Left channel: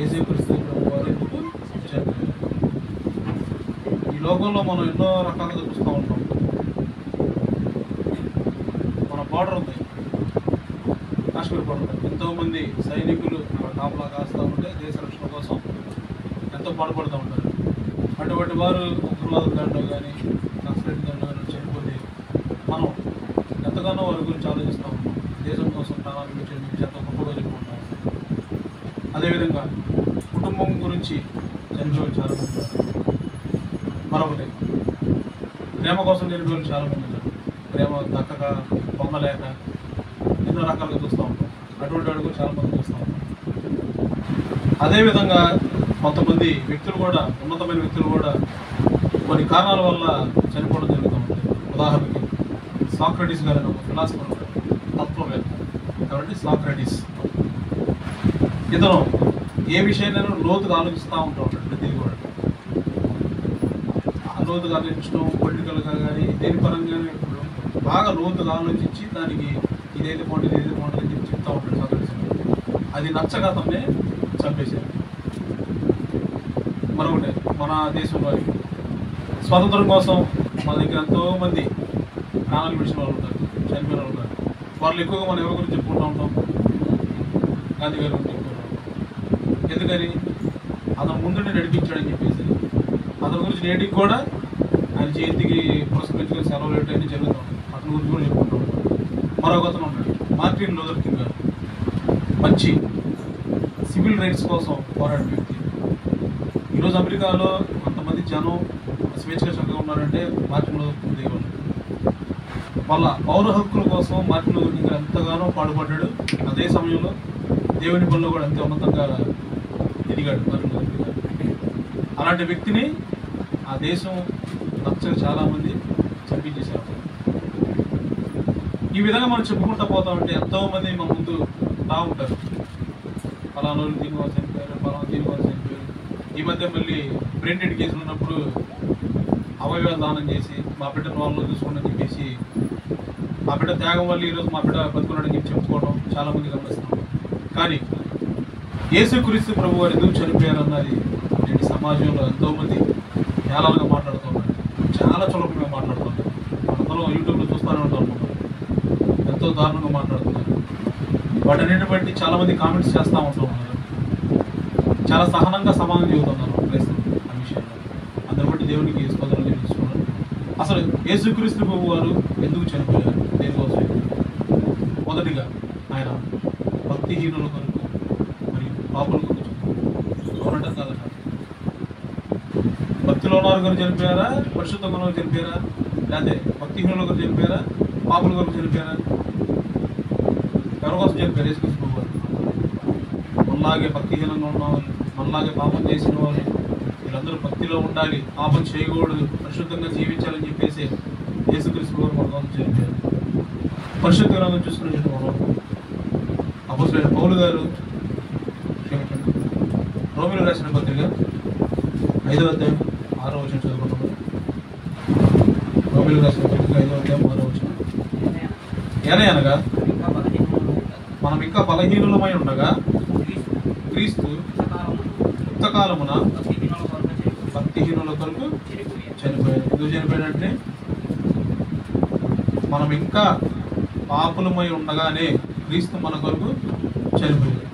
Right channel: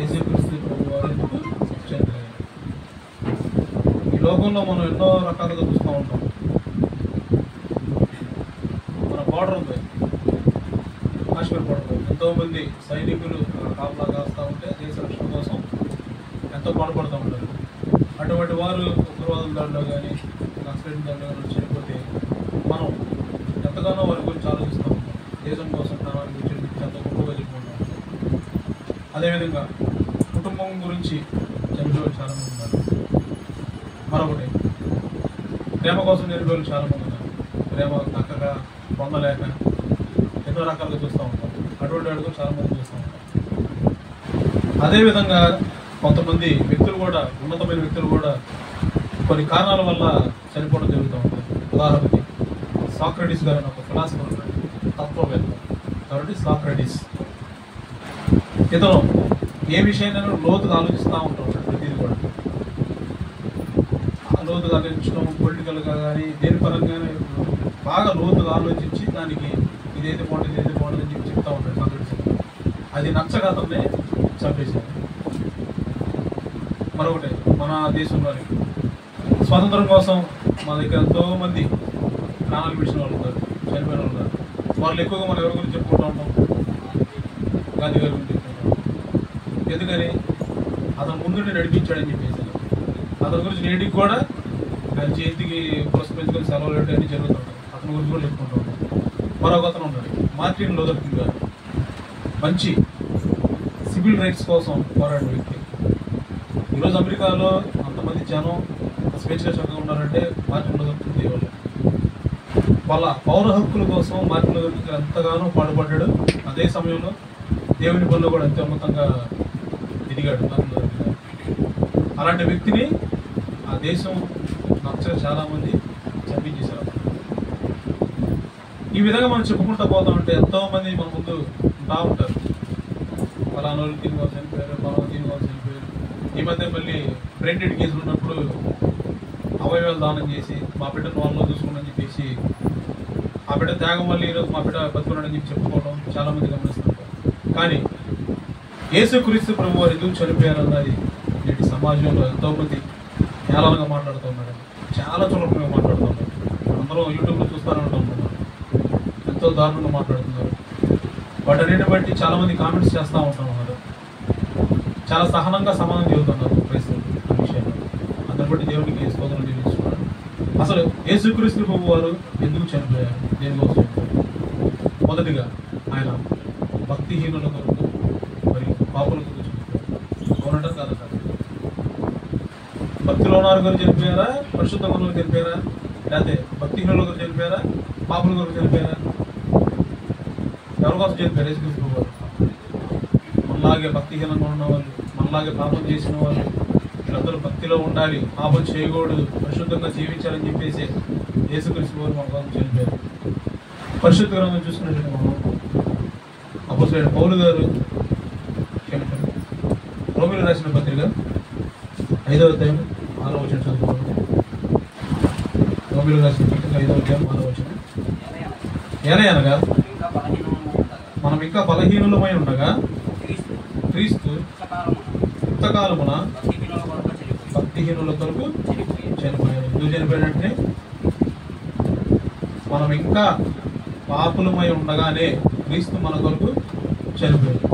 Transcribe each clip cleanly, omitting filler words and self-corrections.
యేసుక్రీస్తు ప్రభువారు ఎందుకు చనిపోయారు. ఈ లోకంలో మనం ఎన్నో రకాలుగా చూస్తూ ఉంటాం. మన బార్డర్ ఉంది, కాశ్మీర్ బార్డర్, ఎంతోమంది సైనికులు కాపలా కాస్తూ ఉంటే దేశ రక్షణ కోసం ఎంతో పాటుపడుతూ ఉంటారు. అటువంటి వారు ఉగ్రవాదుల దాంట్లో కానీ నక్సలైట్ దాంట్లో కానీ చనిపోతే మనం ఎంతగానో వారి గురించి ఆలోచిస్తూ ఉంటాం. దేశం కోసం ప్రాణాలు విడిచి ఎంతో గొప్పగా చెప్పుకుంటాం. అదేవిధంగా కుటుంబం గురించి చనిపోయి చాలామంది ఉన్నారు. మరొకటి ప్రేమ కోసం చనిపోయి చాలామంది ఉన్నారు. ప్రేమ దక్కగా పొందలేక ఎన్నో రకాలుగా చూస్తూ ఉంటాం. అటువంటి వాడు చాలామంది చూస్తూ ఉంటాం. అదేవిధంగా కొంతమంది వ్యక్తులు కూడా, ఉన్నతమైన వ్యక్తులు కూడా కొన్ని కారణాల వల్ల చనిపోవడం జరుగుతూ ఉంటుంది. ఉదాహరణకి సాక్రటీస్ గారు ఒక ఫిలాసఫర్ ఉంటారు, తత్వవేత్త. కాబట్టి సాక్రటీస్ ఇతను ఏ విషయాన్ని లోతుగా ఆలోచిస్తూ ఉంటాం. ప్రతిదీ కూడా లోతుగా ఆలోచించడం, పొలిటికల్గా కానీ దేని పరంగా బాగా లోతుగా ఆలోచించి దానికి ఇదైతే బాగుంటుంది, ఇదైతే బాగుంటుంది అని చెప్పి చెప్తూ ఉంటాడు సాక్రటీస్. అది నచ్చక అతన్నే చంపేశారు. మరొకటి మన దేశం వారికి స్వాతంత్రం కోసం మా దగ్గర ఎంతోమంది ప్రాణాలు విడిచిన వాళ్ళు ఉంటారు, చనిపోయిన వాళ్ళు ఉంటారు. వాళ్ళు ఎక్కువగా మనం ఎవరి గురించి చెప్పుకుంటూ ఉంటాం? గాంధీ గారి గురించి చెప్పుకుంటాం. ఎందుకని? అతను ముందుండి నడిపించాడని చెప్పేసి. అతని గురించి నేటికి కూడా ఆయన జయంతికి పురస్కరించుకొని సెలవులు అన్నీ జరుగుతూ ఉంటాయి. అతని గురించి కూడా చెప్పుకుంటూ ఉంటాం. మరొక అతను ఉన్నాడు, మార్టిన్ లూథర్ కింగ్ గారు. మంచి సివిల్ రైట్స్ కోసం పోరాడిన వ్యక్తి. ఈరోజు అమెరికాలో అంతమంది జనం స్వేచ్ఛగా చక్కగా ఉన్నారంటే మార్టిన్ లూథర్ కింగ్ దేవాళ్ళు. వాళ్ళ పౌర హక్కుల కోసం మార్టిన్ లూథర్ కింగ్ ఎంతగానో పాటుపడ్డాడు. అదే సమయంలో దేవుని పనిలో కూడా అంతే ఉన్నతంగా ఎదిగాడు మార్టిన్ లూథర్ కింగ్ గారు. అలాంటి వ్యక్తిని ఆ దేశం నచ్చగా చాలామంది చంపించేశారు. ఈ విధంగా మనం చెప్పుకుంటూ పోతామంటే ఎంతోమంది మన ముందు ఉంటా ఉంటారు. ఫలానోళ్ళు దీనికోసం చనిపోయారు, ఫలానా దీనికోసం చనిపోయారు. ఈ మధ్య మళ్ళీ బ్రెయిన్ డెడ్ కేసులు ఉన్నప్పుడు అవయవాలు దానం చేసి మా బిడ్డను వాళ్ళు చూసుకోండి అని చెప్పేసి, మా బిడ్డ త్యాగం వల్ల ఈరోజు మా బిడ్డ బతుకున్నాడని చెప్పి చెప్పుకోవడం చాలామంది గమనిస్తున్నారు. కానీ యేసుక్రీస్తు ప్రభువు వారు ఎందుకు చనిపోయారన్నది నేటి సమాజంలో ఎంతోమంది ఏలాలుగా మాట్లాడుతూ ఉన్నారు, చాలా చులకనగా మాట్లాడుతూ ఉన్నారు. అందరూ యూట్యూబ్లో చూస్తూనే ఉంటాం, ఎంతో దారుణంగా మాట్లాడుతున్నారు. వాటన్నిటిని బట్టి చాలామంది కామెంట్స్ చేస్తూ ఉంటున్నారు. చాలా సహనంగా సమానం చెబుతున్నారు క్రైస్తవులు ఆ విషయాల్లో. అందరి బట్టి దేవునికి స్తోత్రం చెల్లించుకున్నారు. అసలు యేసుక్రీస్తు ప్రభువు వారు ఎందుకు చనిపోయారు, దేనికోసం? మొదటిగా ఆయన భక్తిహీనుల కొరకు మరియు పాపుల కొరకు చనిపోయారు. అవునంటారు కాదు కాదు? భక్తిలో ఉన్నారు కొరకు చనిపోయారా, పరిశుద్ధంగా కొరకు చనిపోయారా, లేకపోతే భక్తిహీనుల కొరకు చనిపోయారా, పాపుల కొరకు చనిపోయారా? ఎవరి కోసం చనిపోయారు యేసుక్రీస్తు ప్రభువు వారు? మనలాగే భక్తిహీనంగా ఉన్న వాళ్ళు, మనలాగే పాపం చేసిన వాళ్ళు, వీళ్ళందరూ భక్తిలో ఉండాలి, పాపం చేయకూడదు, పరిశుద్ధంగా జీవించాలని చెప్పేసి యేసుక్రీస్తు వారు మన కోసం చనిపోయారు. పరిశుద్ధ గ్రంథం చూసుకునే మనం అపోస్తలుడైన పౌలు గారు రోమీయులకు రాసిన పత్రిక 5వ అధ్యాయం 6వ వచనం చదువుకోండి. రోమీయులకు రాసిన పత్రిక 5వ అధ్యాయం 6వ వచనం. ఏలయనగా మనం ఇంకా బలహీనులమై ఉండగా క్రీస్తు యుక్తకాలమున భక్తిహీనుల కొరకు చనిపోయాడు. ఎందుకు చనిపోయినట్టే? మనం ఇంకా పాపులమై ఉండగానే క్రీస్తు మన కొరకు చనిపోయాడు.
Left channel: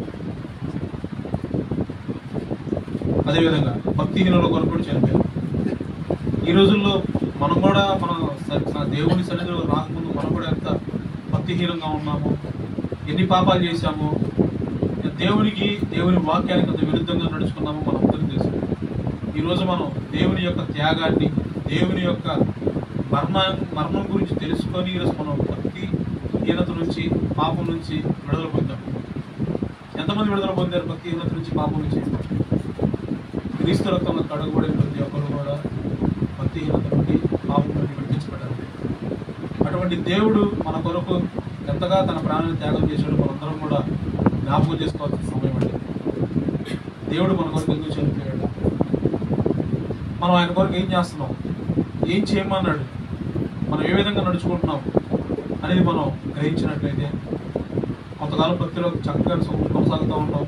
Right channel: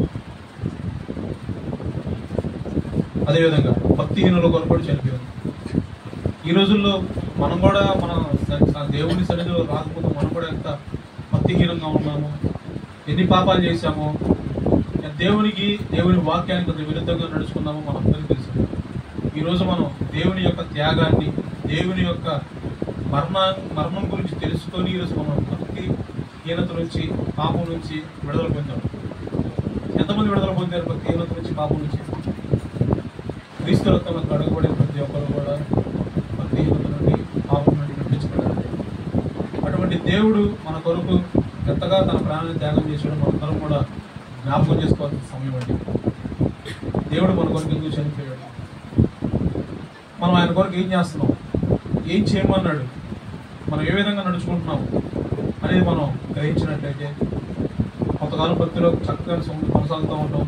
అదేవిధంగా భక్తిహీనుల కొరకు కూడా చనిపోయాడు. ఈ రోజుల్లో మనం కూడా మన దేవుని సన్నిధిలో రాకముందు మనం కూడా ఎంత భక్తిహీనంగా ఉన్నాము, ఎన్ని పాపాలు చేశామో, దేవుని వాక్యానికి అంత విరుద్ధంగా నడుచుకున్నామో మనందరికీ తెలుసు. ఈరోజు మనం దేవుని యొక్క త్యాగాన్ని, దేవుని యొక్క మరణం గురించి తెలుసుకొని ఈరోజు మనం భక్తిహీనత నుంచి, పాపం నుంచి విడుదల పొందాం. ఎంతమంది విడుదల పొందారు భక్తిహీనత నుంచి, పాపం నుంచి? క్రీస్తు రక్తంలో కడుగుబడిన ప్రతి ఒక్కరు కూడా భక్తిహీనత నుండి, పాపం నుండి విడిపించబడాలి. అటువంటి దేవుడు మన కొరకు ఎంతగా తన ప్రాణాన్ని త్యాగం చేశాడు మనందరం కూడా జ్ఞాపకం చేసుకోవాల్సిన సమయం అండి. దేవుడు మన కొరకు ఎందుకు చనిపోయాడు, మనం ఆయన కొరకు ఏం చేస్తున్నాం, ఏం చేయమన్నాడు, మనం ఏ విధంగా నడుచుకుంటున్నాం అనేది మనం గ్రహించినట్లయితే కొంతకాలం భక్తిలో చక్కగా కొనసాగుతూ ఉంటాం.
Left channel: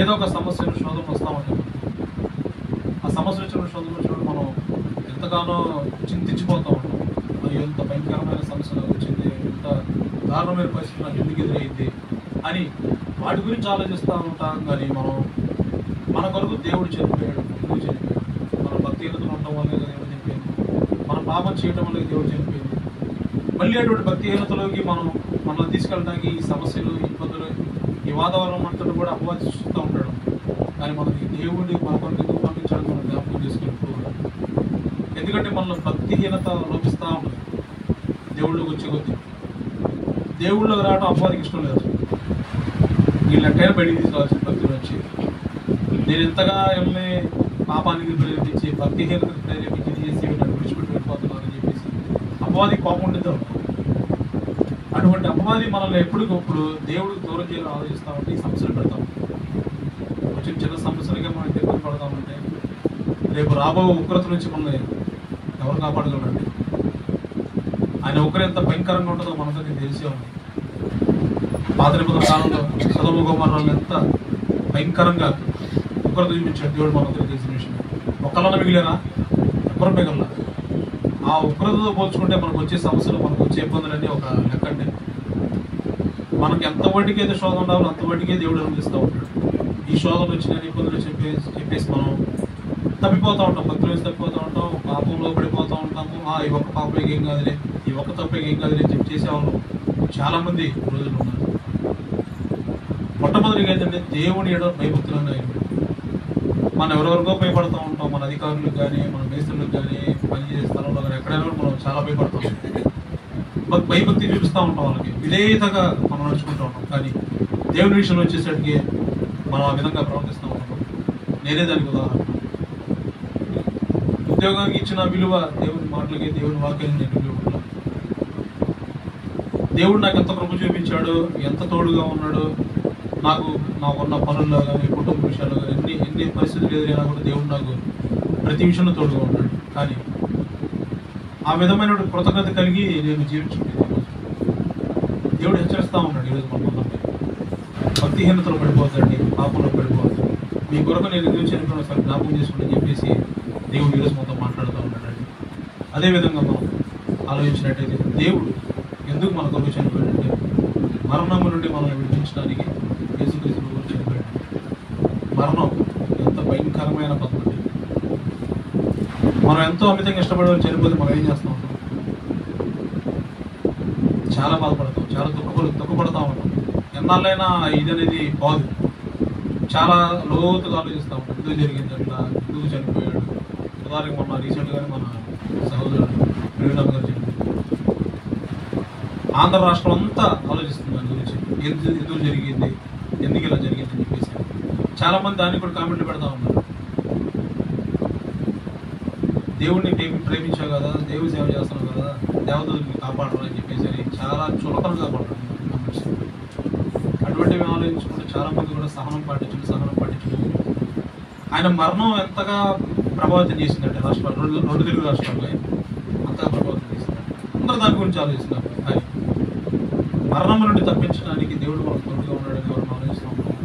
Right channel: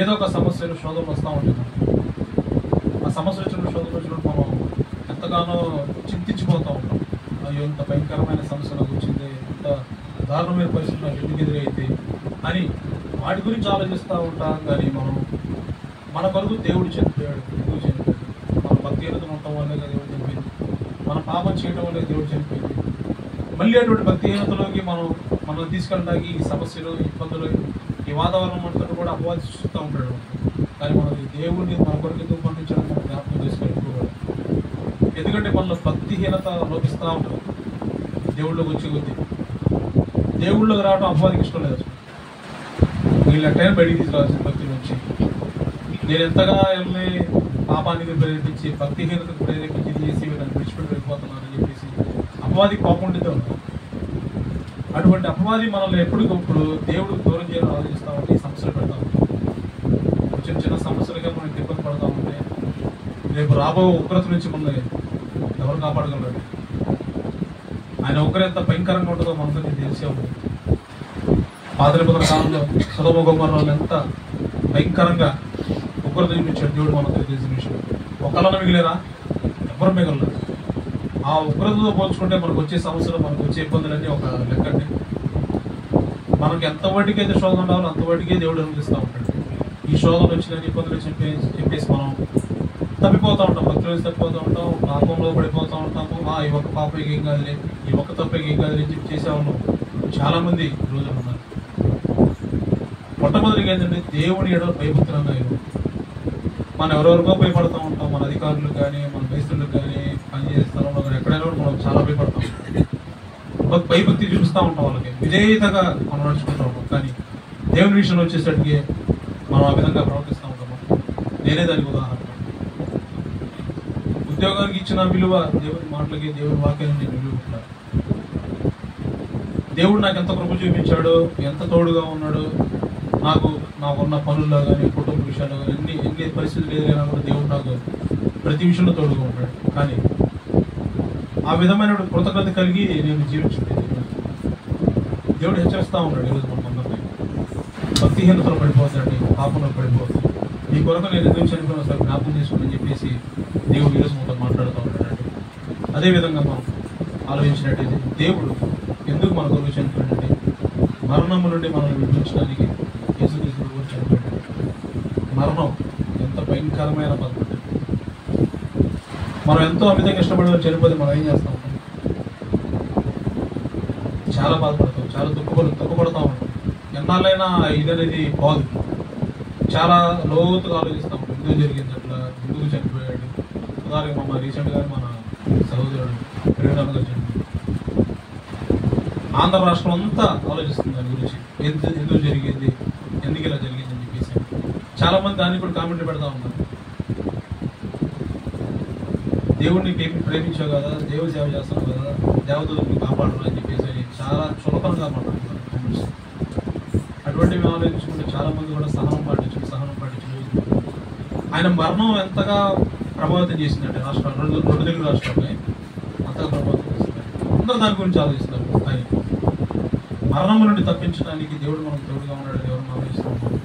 ఏదో ఒక సమస్యలు శోధనలు వస్తూ ఉంటుంది. ఆ సమస్య వచ్చిన శోధనలు వచ్చినప్పుడు మనం ఎంతగానో చింతించిపోతూ ఉంటాం. అయ్యో ఎంత భయంకరమైన సమస్య నాకు వచ్చింది, ఎంత దారుణమైన పరిస్థితి నాకు ఎందుకు ఎదురైతే అని వాటి గురించి ఆలోచిస్తూ ఉంటాం. కానీ మన కొరకు దేవుడు చనిపోయాడు. ఎందుకు చనిపోయాడు? మన భక్తిహీనతలు ఉండటం వల్లే దేవుడు చనిపోయింది, మన పాపం చేయడం వల్ల దేవుడు చనిపోయింది. మళ్ళీ అటువంటి భక్తిహీనతలోకి మనల్ని తీసుకెళ్ళడానికి ఈ సమస్యలు, ఇబ్బందులు, ఈ వాతావరణం అంతా కూడా అపవాది సృష్టిస్తూ ఉంటాడు. కానీ మనకి దేవుడిని మన కొరకు ఎందుకు పంపించడానికి మనం జ్ఞాపకం చేసుకోవాలి కూడా. ఎందుకంటే మనలో భక్తిహీనత లోపిస్తూ ఉంటుంది. దేవుళ్ళకి వచ్చే కొద్దీ దేవుళ్ళకి రావడం అపవాదికి ఇష్టం లేదు. వీళ్ళు ఎట్టైనా బయటికి తీసుకోవాల్సిన భక్తుల నుంచి నేను ఎంతగా వెళ్ళి పాపానికి ప్రేరేపించి భక్తిహీనతకు ప్రేరేపించి చేసి నన్ను విడిచిపెట్టి వెళ్ళిపోతున్నానని చెప్పేసి అపవాదికి పాపం ఉండిద్దాం. అటువంటి అపవాది మనల్ని ఎప్పటికప్పుడు దేవుడు దూరం చేయాలని ఆలోచిస్తామంటే ఈ సమస్యలు పెడతాం. వచ్చిన చిన్న సమస్యలుగా మనం దెబ్బలు పడతా ఉంటే రేపు రాబో ఉగ్రత నుంచి మనల్ని ఎవరు కాపాడగలరండి? ఆయన ఉగ్ర ఎంత భయంకరంగా ఉంటుందో మనతో నేను తెలిసేవాళ్ళు. పాత నిబంధన కాలంలో సొదొమ గొమొర్రాలో ఎంత భయంకరంగా ఉగ్రత చూపించాడు దేవుడు మనతో తెలిసిన విషయం. ఒక్కళ్ళన్నా మిగిలేరా? ఎవరు మిగలరా? ఆ ఉగ్రతతో పోల్చుకుంటే మనకు వచ్చే సమస్యలు, మనకు వచ్చే ఇబ్బందులన్నీ ఒక లెక్కండి. మనకి ఎంత వాటికి అయితే శోధన ఉండాలో అంత వాటికే దేవుడు అందిస్తూ ఉంటాడు. ఈ శోధనలు వచ్చిన ఇబ్బందులు చెప్పేసి మనం తప్పిపోతూ ఉంటాం, భక్తులు వేసి తప్పిపోతూ ఉంటాం, పాపంలో పడిపోతూ ఉంటాము. ఈ ఒక్క పాపకి ఏం కాదులే, ఈ ఒక్క తప్పకి ఏం కాదులే అని చెప్పి చేసేవాళ్ళు చాలా మంది రోజులు ఉన్నారు. మొట్టమొదటిగా ఏంటంటే దేవుని ఎడల భయభక్తులు మనం ఎవరెవరికో భయపడుతూ ఉంటాం. మన అధికారులకు కానీ, మన మేస్త్రులకు కానీ, పనిచేసే స్థలంలో కానీ ఎక్కడైనా మనం చాలా భయపడతాం. భయభక్తి చూపిస్తూ ఉంటాం, వాళ్ళకి విధేయతగా మనం నడుచుకుంటూ ఉంటాం. కానీ దేవుని విషయంలో వచ్చేసరికి మనం ఆ విధంగా ప్రవర్తిస్తూ ఉంటాం. నేనే దానికి ఉదాహరణ. ఉద్యోగానికి ఇచ్చిన విలువ దేవుని మాటలకి, దేవుని వాక్యాన్ని నేను విలువ. దేవుడు నాకు ఎంత కృప చూపించాడు, ఎంత తోడుగా ఉన్నాడు, నాకున్న పనుల్లో కానీ, కుటుంబ విషయాల్లో కానీ ఎన్ని పరిస్థితులు ఎదురైనా కూడా దేవుడు నాకు ప్రతి విషయంలో తోడుగా ఉన్నాడు. కానీ ఆ విధమైన కృతజ్ఞత కలిగి నేను జీవించుకుంటాను. దేవుడు హెచ్చరిస్తూ ఉన్నాడు ఈరోజు మనకి, భక్తిహీనతలో పడిపోతాండి, పాపంలో పడిపోతాడు, మీ కొరకు నేను ఎదురు చనిపోయిన ఒకసారి జ్ఞాపకం చేసుకుని చెప్పేసి దేవుడు ఈరోజు మొత్తం మాట్లాడుతూ ఉంటాడండి. అదేవిధంగా మనం ఆలోచించినట్టయితే దేవుడు ఎందుకు మన కొరకు చనిపోయాడంటే మరణము నుండి మనల్ని విడిపించడానికి యేసుక్రీస్తు కొరకు చనిపోయాడు. మరణం ఎంత భయంకరమైన పద్ధతి. మనం ఎంతో అమితంగా ఇష్టపడే చనిపోతే మనం ఏం చేస్తాం? చాలా బాధపడతాం, చాలా దుఃఖపడతా ఉంటాం. ఎన్నాళ్ళైనా ఇది అనేది బాగు. చాలా లోతుగా ఆలోచిస్తూ ఉంటాం, ఎందుకు జరిగింది అట్లా, ఎందుకు చనిపోయాడు. ఉదాహరణకి మొన్న రీసెంట్గానే మన సహోదరుడు ప్రేరణ గారు చనిపోయాడు. ఆంధ్ర రాష్ట్రం అంతా ఆలోచిస్తుంది దాని గురించి, ఎందుకు జరిగింది, ఎందుకు ఇలా జరిగింది అని చెప్పేసి. చాలా మంది దాన్ని కూడా కామెంట్లు పెడతా ఉన్నారు. దేవుడిని ప్రేమించావు కదా, దేవుడు సేవ చేస్తున్నావు కదా, దేవతని కాపాడరు అని చెప్పేసి చాలా చులకనగా కాపాడుతున్నారు కామెంట్స్. అటువంటివి ఆలోచించుకుంటే చాలా మంది కూడా సహనం పాటించడం. ఆయన మరణం ఎంతగా ప్రభావితం చేసిందంటే రాష్ట్రాలు, రెండు తెలుగు రాష్ట్రాల్లో అంతగా ప్రభావితం చేసింది. అందరూ దాని గురించి ఆలోచిస్తున్నారు. కానీ మరణం నుండి తప్పించడానికి దేవుడు మనకు తోడుగా ఉన్నాడు, దేవుడు ఆలోచిస్తూ ఉన్నాడు.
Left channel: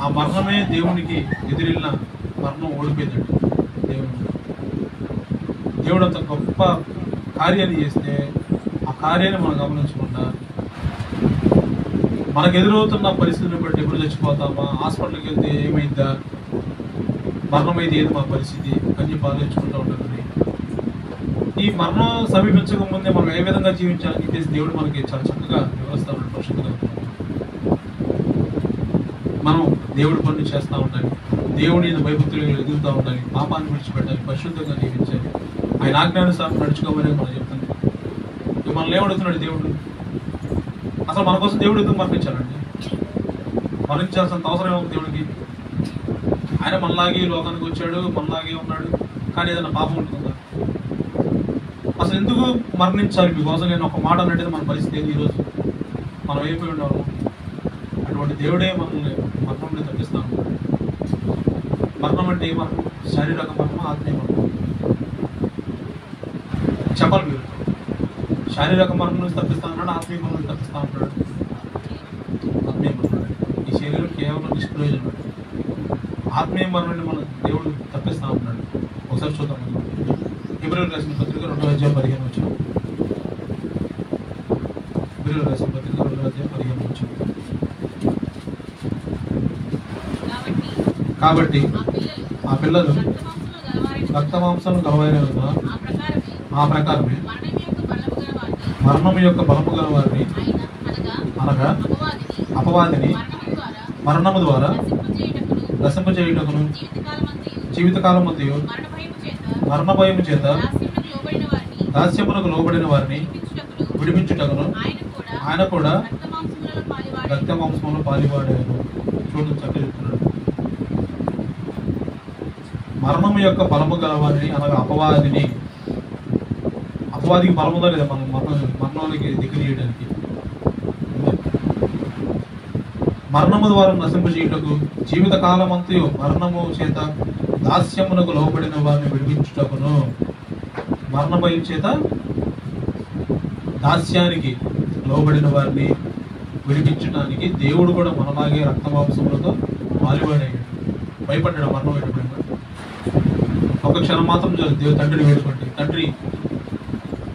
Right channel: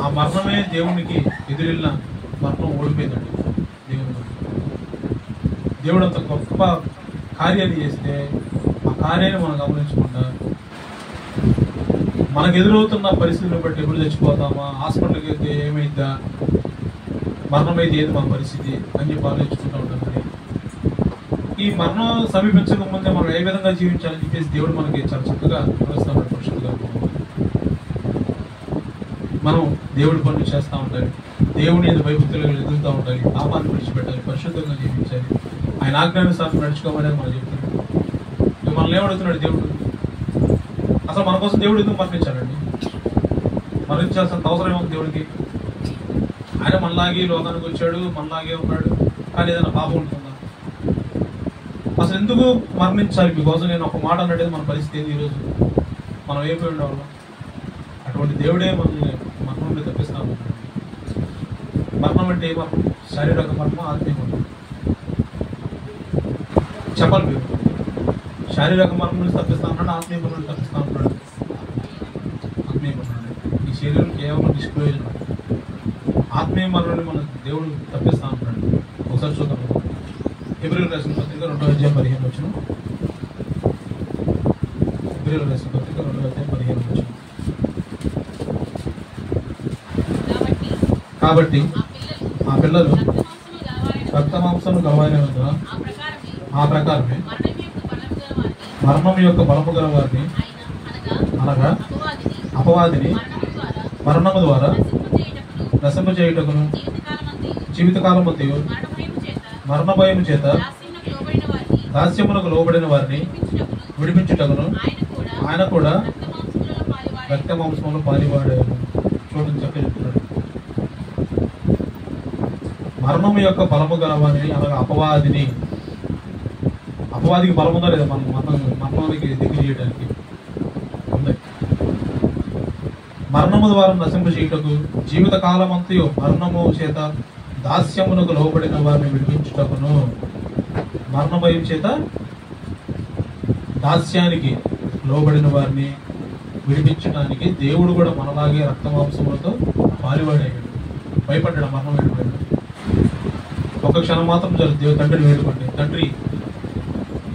ఆ మరణమే దేవునికి ఎదురెళ్ళిన మరణం ఓడిపోయిందండి. దేవుడు అంత గొప్ప కార్యాన్ని చేస్తే ఆ కార్యాన్ని మనం గమనించకుండా మనకు ఎదురవుతున్న పరిస్థితులను బట్టి ఎప్పుడు చచ్చిపోతామా, హాస్పిటల్కి వెళ్తే ఏమైందా, మరణం అయితే ఏది మా పరిస్థితి అని చెప్పి ఆలోచించుకుంటూ ఉంటాం. ఈ మరణం సమీపించక ముందే మనం ఏ విధంగా జీవించాలని చెప్పేసి దేవుడు మనకి చాలా చక్కగా వివరిస్తూ ఉంటాడు. పరిశుద్ధంగా మనం దేవుడి పనులు చేస్తూ ఉంటాయి, దేవుని భయభక్తులు ఎదుగుతూ ఉంటాయి, పాపాన్ని విడిచిపెట్టాలి, పరిశుద్ధంగా జీవించాలి, ఆయన ఆజ్ఞానుసారం నడుచుకోమని మనం చెప్తున్నాం. మనల్ని ఏమడుగుతున్నాడు దేవుడు? అసలు మన కోసం దేవుడు ఎందుకు మరణించాలండి? మరణించాల్సినంత అవసరం ఏమో దేవుడికి? ఆయన మనలాగే లోకానికి వచ్చాడు, మనలాగే ఉన్నాడు. కానీ ఏదైనా పాపం ఉంటుందా? అసలు ఎందుకు మరణించాలి మీకోసం? నేను ఒక మాట అన్నట్టు మన పరిస్థితి ఏంది ఈరోజు? మనం అయిపోయి ఉండేవాళ్ళం. అటువంటి దేవుడే మనల్ని మరణం నుండి తప్పిస్తాము. మరణం అంటే ఏ మరణం? శారీరక మరణం, ఆత్మీయ మరణం. చెప్పాలి మీరు. శారీరక మరణం నుంచి తప్పిస్తా ఉన్నాడు, ఆత్మీయ మరణం నుంచి తప్పిస్తా ఉన్నాడు. ఆత్మీయ మరణం. ఈ శరీరం కేవలం నిష్ప్రయోజనం. ఆత్మీయ మరణాన్ని మన దేవుడు తప్పిస్తా ఉంటున్నాడు. ఒకసారి చూద్దాం. హెబ్రీయులకు రాసిన పత్రిక 2:15 హెబ్రీయులకు రాసిన పత్రిక 2:15 కాబట్టి ఆ పిల్లలు రక్త మాంసం గలవారి ఆ ప్రకారమే మరణం యొక్క బలము గల వారిని అనగా అపవాదిని మరణము ద్వారా నశింపజేయుటకును జీవితకాలం మధ్య మరణ భయము చేత దాస్యమునకు లోబడిన వారిని విడిపించుటకును ఆయన కూడా రక్త మాంసములు పాలివాడారు. చూడండి చక్కగా చెప్తున్నాడు. మరణం యొక్క బలము గల వారిని అనగా అపవాదిని. అపవాదికి బలం ఉందా లేదా? మనం మరణంలోకి దగ్గర చేయడానికి ఉంది. మరణము ద్వారా నశింపజేయుటకు జీవితకాలం అంతయు మరణము చేత దాస్యమునకు లోబడిన వారిని విడిపించుటకును. మరణ భయం చేత దాస్యానికి లోబడిన వారిని విడిపించడానికి దేవుడు కూడా మనలాగే రక్తమాంసములతో పాలువాడాడు. భయపడ్డాడు మరణం వేడుకుంటాడు. ఒక క్షణం మాత్రం దేవుడు తండ్రిని వేడుకుంటే, తండ్రి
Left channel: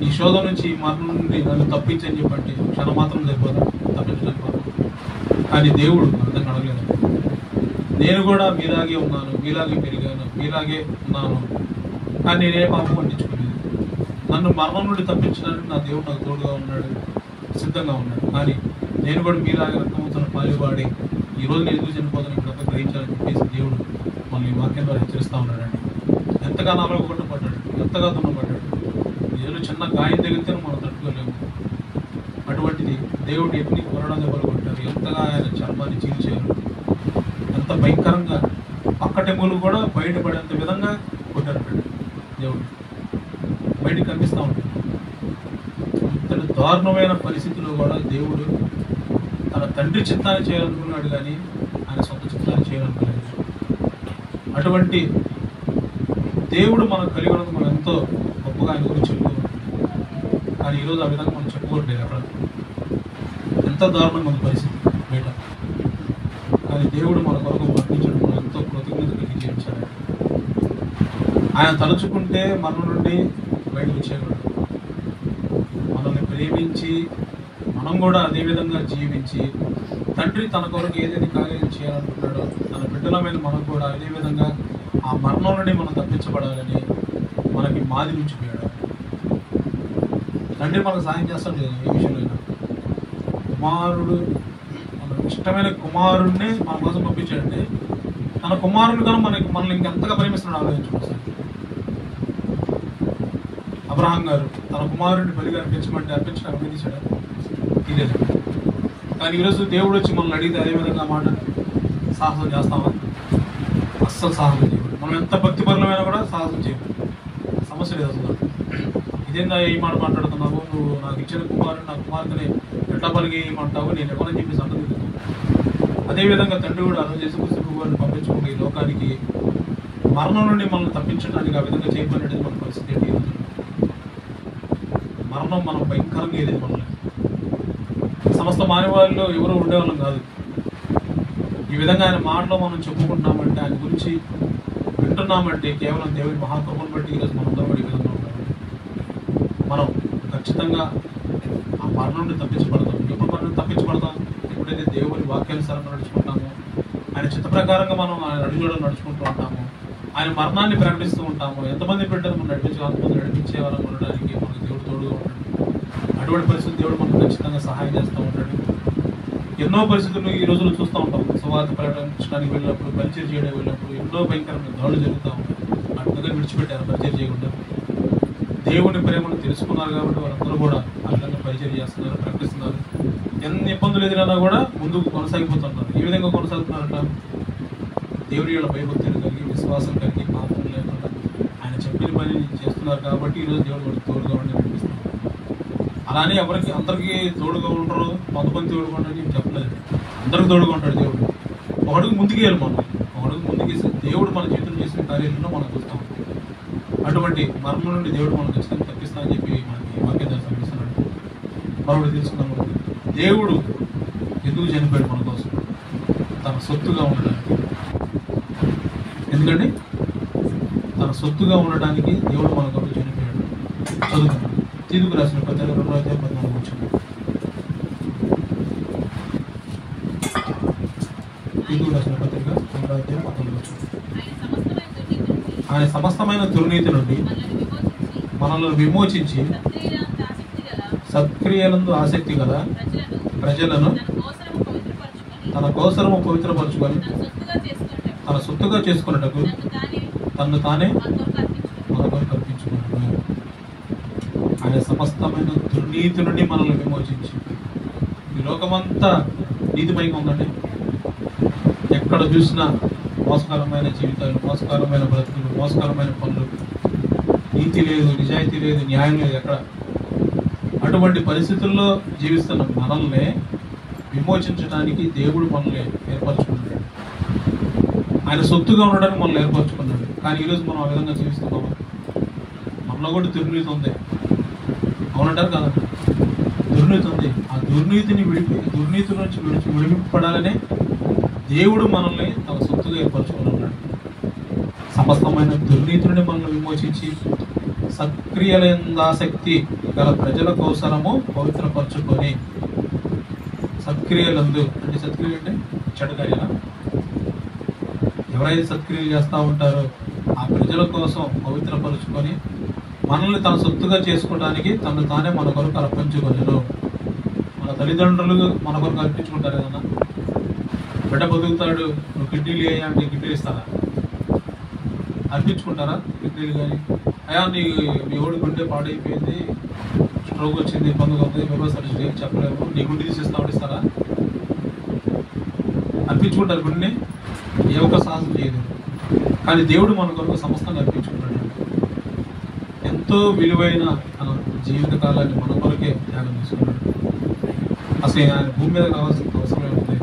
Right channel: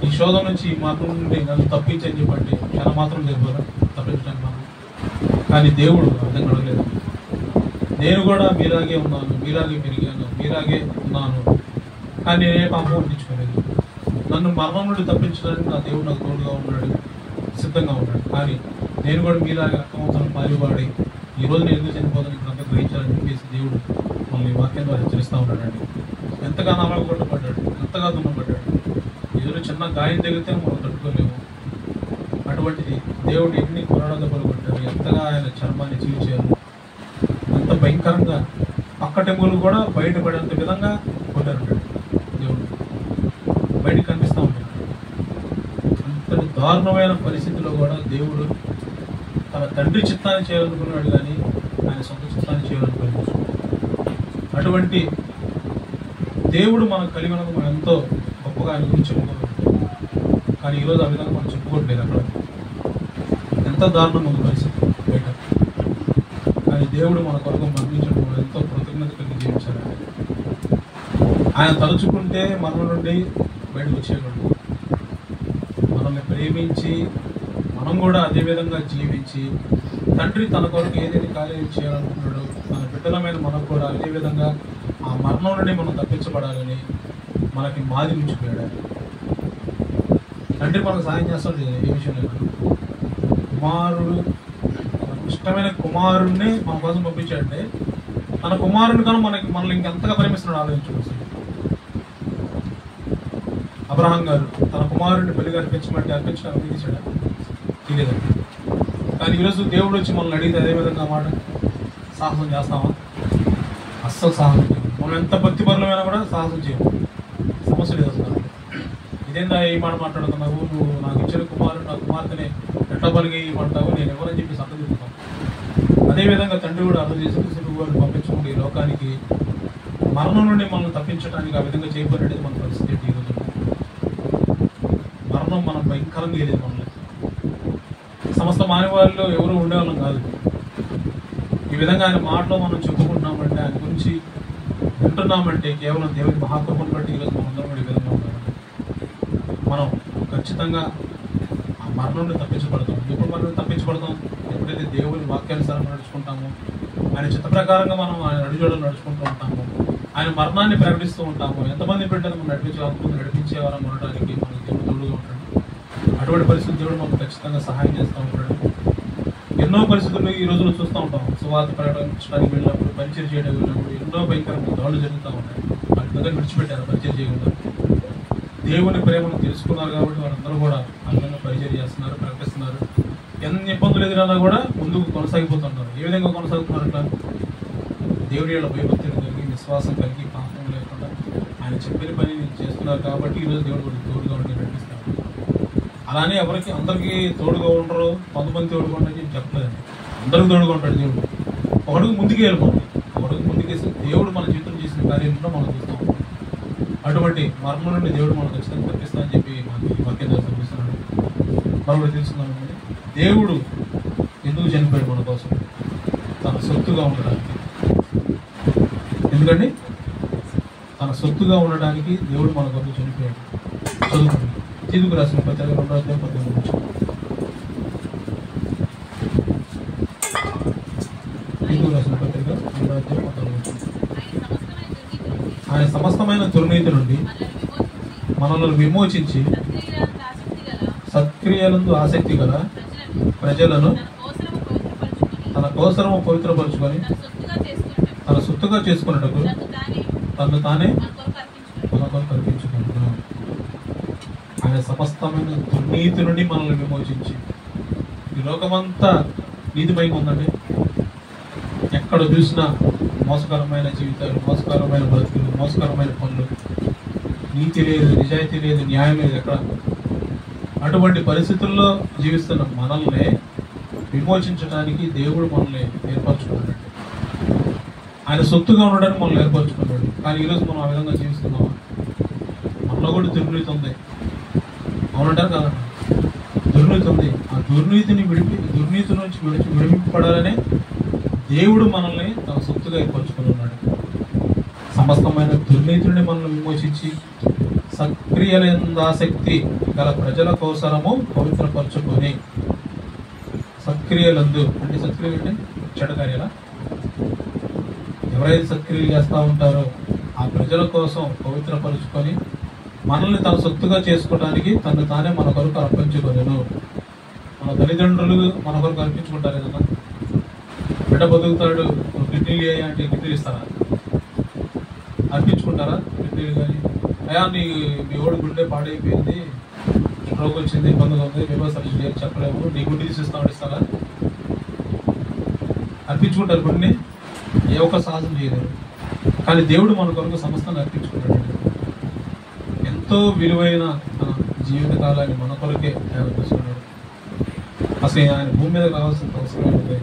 ఈ శోధం నుంచి ఈ మరణం నుండి నన్ను తప్పించని చెప్పంటే క్షణం మాత్రం సరిపోదా తప్పించడానికి మాత్రం. కానీ దేవుడు అర్థం అడగలేదు. నేను కూడా మీలాగే ఉన్నాను, మీలాగే పెరిగాను, మీలాగే ఉన్నాను, కానీ నేనే పాపం అందించుకోలేదు. నన్ను మరణం నుండి తప్పించడానికి నా దేవుడు నాకు తోడుగా ఉన్నాడు, సిద్ధంగా ఉన్నాడు. కానీ నేను కూడా మీలాగే రక్తమాంసాన్ని పాలువాడి ఈ రోజు నేను ఎందుకు చనిపోతాను ఇప్పుడంతా గ్రహించాలని చెప్పేసి దేవుడు మనల్ని వాక్యం ద్వారా హెచ్చరిస్తూ ఉన్నాడండి. ఎంతగానో అలగొట్టపడ్డాడు, ఎంతగా దున్నపడ్డాడు. ఏదో చిన్న గాయం తగిలితే మనం తట్టుకోలేము. అటువంటిది దేవుడు ఎన్ని కొరడా దెబ్బలు కొట్టారు, ఎంతగా ఆయన చర్మాన్ని చీల్చారు, ఎంత భయంకరంగా పక్కటెంగులు కూడా బయటపడేంత విధంగా కొట్టారంటాడు దేవుడు. బయటకు కనిపిస్తూ ఉంటాడు. అంతటి దారుణమైన పరిస్థితుల్లో కూడా దేవుడు తన తండ్రి చిత్తాన్ని చేయాలనుకున్నాడు, కానీ ఆయన సొంత చిత్తాన్ని చేయాలనుకున్నాడు. అటువంటి దేవుడు మనకు కలిగి ఉన్నది మనం ఎంతో గొప్పగా ఆయన గురించి చెప్పుకోవాలి. కానీ ఈరోజు ఆ విధంగా మనం చెప్పుకోవట్లేదు. అక్కడ ఎంత దారుణంగా ఉంది పరిస్థితి బయట. కానీ దేవుడు మన కొరకు మరణించడం మనం ఎంతో కృతజ్ఞత కలిగి జీవించాలి. ఆయన తలుచుకుంటే మన నుండి బయటకు వచ్చేయకూడదు. మనల్ని ప్రేమించి మనం కూడా అదే విధంగా జీవించి తండ్రి తన కొరకు ఏదైతే కార్యం చేయాలనుకున్నాడో తన బిడ్డలమైన మనకు కూడా అదే విధంగా ఆ మరణం నుండి మనం తప్పించబడాలని మనకి మాది ఉంచిపోయాడు. తండ్రి మనకు సాయం చేస్తాడు ఏ విషయంలో. కుమారుడు మనకు ఇష్టమైన కుమారుడిని మన కోసం పంపించాడంటే తన కుమారుని కానీ మనల్ని ఇంకెంతగా ప్రేమిస్తున్నాడు ఆలోచించుకోవచ్చు. అబ్రహాం గారు తన కుమారుడిని బలిగా అర్పించమంటే అర్పించడానికి తీసాడా? తీయలేదండి. కానీ ఈరోజు దేవుడు వచ్చి మనల్ని అడిగితే అదేవిధంగా మాట సాహసం చేస్తామా? అస్సలు సాహసం చేయము. మనం ఎంత భక్తిపరులమైనా కూడా సాహసం చేయము. సమస్య లేదు అసలు. ఇదేందా ఈ మాట మాట్లాడుతున్నావు, నువ్వు నాకు ఇచ్చిన కుమారుడు నా కుమార్తెని ఎట్లా బలిగేయమంటావు, నేను ఎవరని చెప్పి సంతదిస్తున్నాను. అదేవిధంగా తండ్రి కూడా అర్థం చేసి వారిని పంపించుకుంటే ఈ లోకానికి మరణం నుండి మనల్ని తప్పించడానికి ఆ విధంగా చేయబడినది మన పరిస్థితి ఏంటి ఈరోజు. మరణం మనం భయంకరంగా ఏది మనల్ని సమస్త మానవాళిలో ఎవరు ఉండేవాళ్ళం కాదు. ఈ విధంగా ఆయన మాటలో మనం చెప్పుకుంటున్నామంటే, ఆయన గురించి వింటున్నామంటే కేవలం దేవుని మహాకృపను బట్టి ఈరోజు మనం అందరం ఈ విధంగా ఉన్నామండి. మనం ఖచ్చితంగా ఆ మరణం నుండి తప్పించబడతాం. ఎప్పుడు మనం తప్పించబడతాం? ఎప్పుడైతే దేవుని వాక్యానుసారం నడుచుకుంటామో, ఆయన చిత్త ప్రకారంగా మనం ఆయన అడుగుజోడలు నడుచుకుంటూ ఉంటాము, ఆయన మరణాన్ని ప్రకటిస్తూ ఉంటాము. ఎంతమంది బిడ్డలు మనం నడిపించేవారం ఉండడానికి మనకు దేవుడు తోడుగా ఉంటాడు. అటువంటి పరిస్థితి దేవుడు మనకు ఖచ్చితంగా సహాయం చేస్తూ ఉంటాడు. ఎన్నో పరిస్థితుల్లో ఈ రోజుల్లో చూస్తూ ఉంటాం. సువార్త ప్రకటించడానికి వెళ్ళినప్పుడు, పరిచయం చేయడానికి వెళ్ళినప్పుడు ఎన్నో భయంకరమైన దాడులు జరుగుతూ ఉంటాయి. ఆ విధంగా విడిచిపెట్టారు పరిచయం చేయకుండా. దేవుని ప్రేమను తెలుసుకున్నారు కాబట్టి వారందరూ కూడా ఆ విధంగా పరిచయం చేస్తున్నారు, ప్రకటిస్తున్నారు. ఎన్ని ఇబ్బందులు ఎదురైనా కూడా ముందుకు కొనసాగిపోతుంటారు. ఏ విధంగా కొనసాగుతున్నారంట? దేవుడి యొక్క భయభక్తిని కలిగి, విశ్వాసం కలిగి, పాపం లేకుండా ఆయన చెప్పిన పని చేస్తున్నారు కాబట్టి ఈరోజు దేవుడు కూడా తోడుగా ఉండి నడిపిస్తున్నారు. అలానే ఎవరికి అందరికీ తోడుగా ఉండరు, కొంతమంది తోడుగా ఉండరు చెప్పలేదు. అందరికి తోడుగా ఉంటాడు దేవుడు. ఒకడుగు ముందుకేయాలి మనం. ఒకడుగు ముందుకేసి దేవుడు మన చేతులు చేసిన కార్యాలను మనం చూస్తాం. అటువంటి మరణం నుండి దేవుడు మనం ఖచ్చితంగా తప్పిస్తా అని చెప్పి మనకి వాక్యం ద్వారా తప్పిస్తున్నాడు. మరొకటి తెలుసుకుందాం. దేవుడు ఎందుకు చనిపోయాడు మన కోసం? సొత్తుగా ఉండడానికి. ఎందుకండి? తన సొత్తుగా ఉండడానికి దేవుడు మన కొరకు చనిపోయాడు. చదువుకున్నాడు. తీతుకు రాసిన పత్రిక 2:14. తీతుకు రాసిన పత్రిక 2:14. ఆయన సమస్తమైన దుర్నీతి నుండి మనల్ని విమోచించి సత్క్రియలందు ఆసక్తి గల ప్రజలను తన కోసరము పవిత్రపరుచుకొని తన సొత్తుగా చేసుకున్నటకు తను తానే మన కొరకు అర్పించుకున్నాడు. ఆయన సమస్తమైన దుర్నీతి నుండి మనల్ని విమోచించి. ఈ లోకమంతా నీతిమయంగా ఉందండి. ఎక్కడ చూసినా మోసకరమైన జీవితాలు, మోసకరమైన బ్రతుకులు, మోసకరమైన పనులు, నీతి లేదు, నిజాయితీ లేదు, న్యాయం లేదు. ఎక్కడ అటువంటి పరిస్థితుల్లో జీవిస్తున్న మనల్ని విమోచించడానికి దేవుడు మనల్ని ఏర్పరచుకున్నాడు. ఆయన సొత్తుగా ఉండడానికి మనల్ని ఏర్పరచుకున్నాడు. కానీ ఈరోజు మనం ఆ విధంగా జీవిస్తున్నామా? మనలో కూడా దుర్నీతి ఉంది. అవునంటారు కదండి? దుర్నీతి ఉంది. ఆ దుర్నీతి నుంచి విడిపింపబడాలనే దేవుడు మనల్ని తన సొత్తుగా ఏర్పరచుకున్నాడు. సమస్తమైన దుర్నీతి నుండి మనల్ని విమోచించి సత్క్రియలందాసక్తి గల ప్రజల కోసరము పవిత్రపరచుకొని. సత్క్రియలందు అంటే సత్క్రియ అంటే చెడ్డ కార్యాల. ఎవరైతే సత్క్రియలు చేస్తూ ఉంటారో ఆ ప్రజల కోసం పవిత్రపరుచుకొని మనల్ని తన సొత్తుగా చేసుకోవడానికి తను తానే మన కొరకు అర్పించుకొనెను. మన తల్లిదండ్రులు మన కొరకు అర్పించుకుంటారు కదా. బిడ్డ బతుకుతాడు, కిడ్నీలు అయ్యా అంటే కిడ్నీలు ఇస్తారా? అర్పించుకుంటారా కిడ్నీలు? కానీ అయ్యా మీ ఓడి గుండె పాడైపోయింది, స్ట్రోక్ వచ్చింది, ఇబ్బందిగా ఉంది, వ్యవస్థలు చెప్పలేము, నీ గుండె తీసిస్తామని ఇస్తారా? అర్పించుకుంటారు గుండెని? ఏ ఒక్క సాహసం చేయలేరు. కానీ దేవుడు మన కొరకు సమస్తాన్ని అర్పించుకుంటాడు. ఎంతో విలువైన జీవిత కాలాన్ని మన కొరకే త్యాగం చేసుకున్నాడు. అసలు ఆయన భూమి మీద కావాల్సిన అవసరమే ఉంది.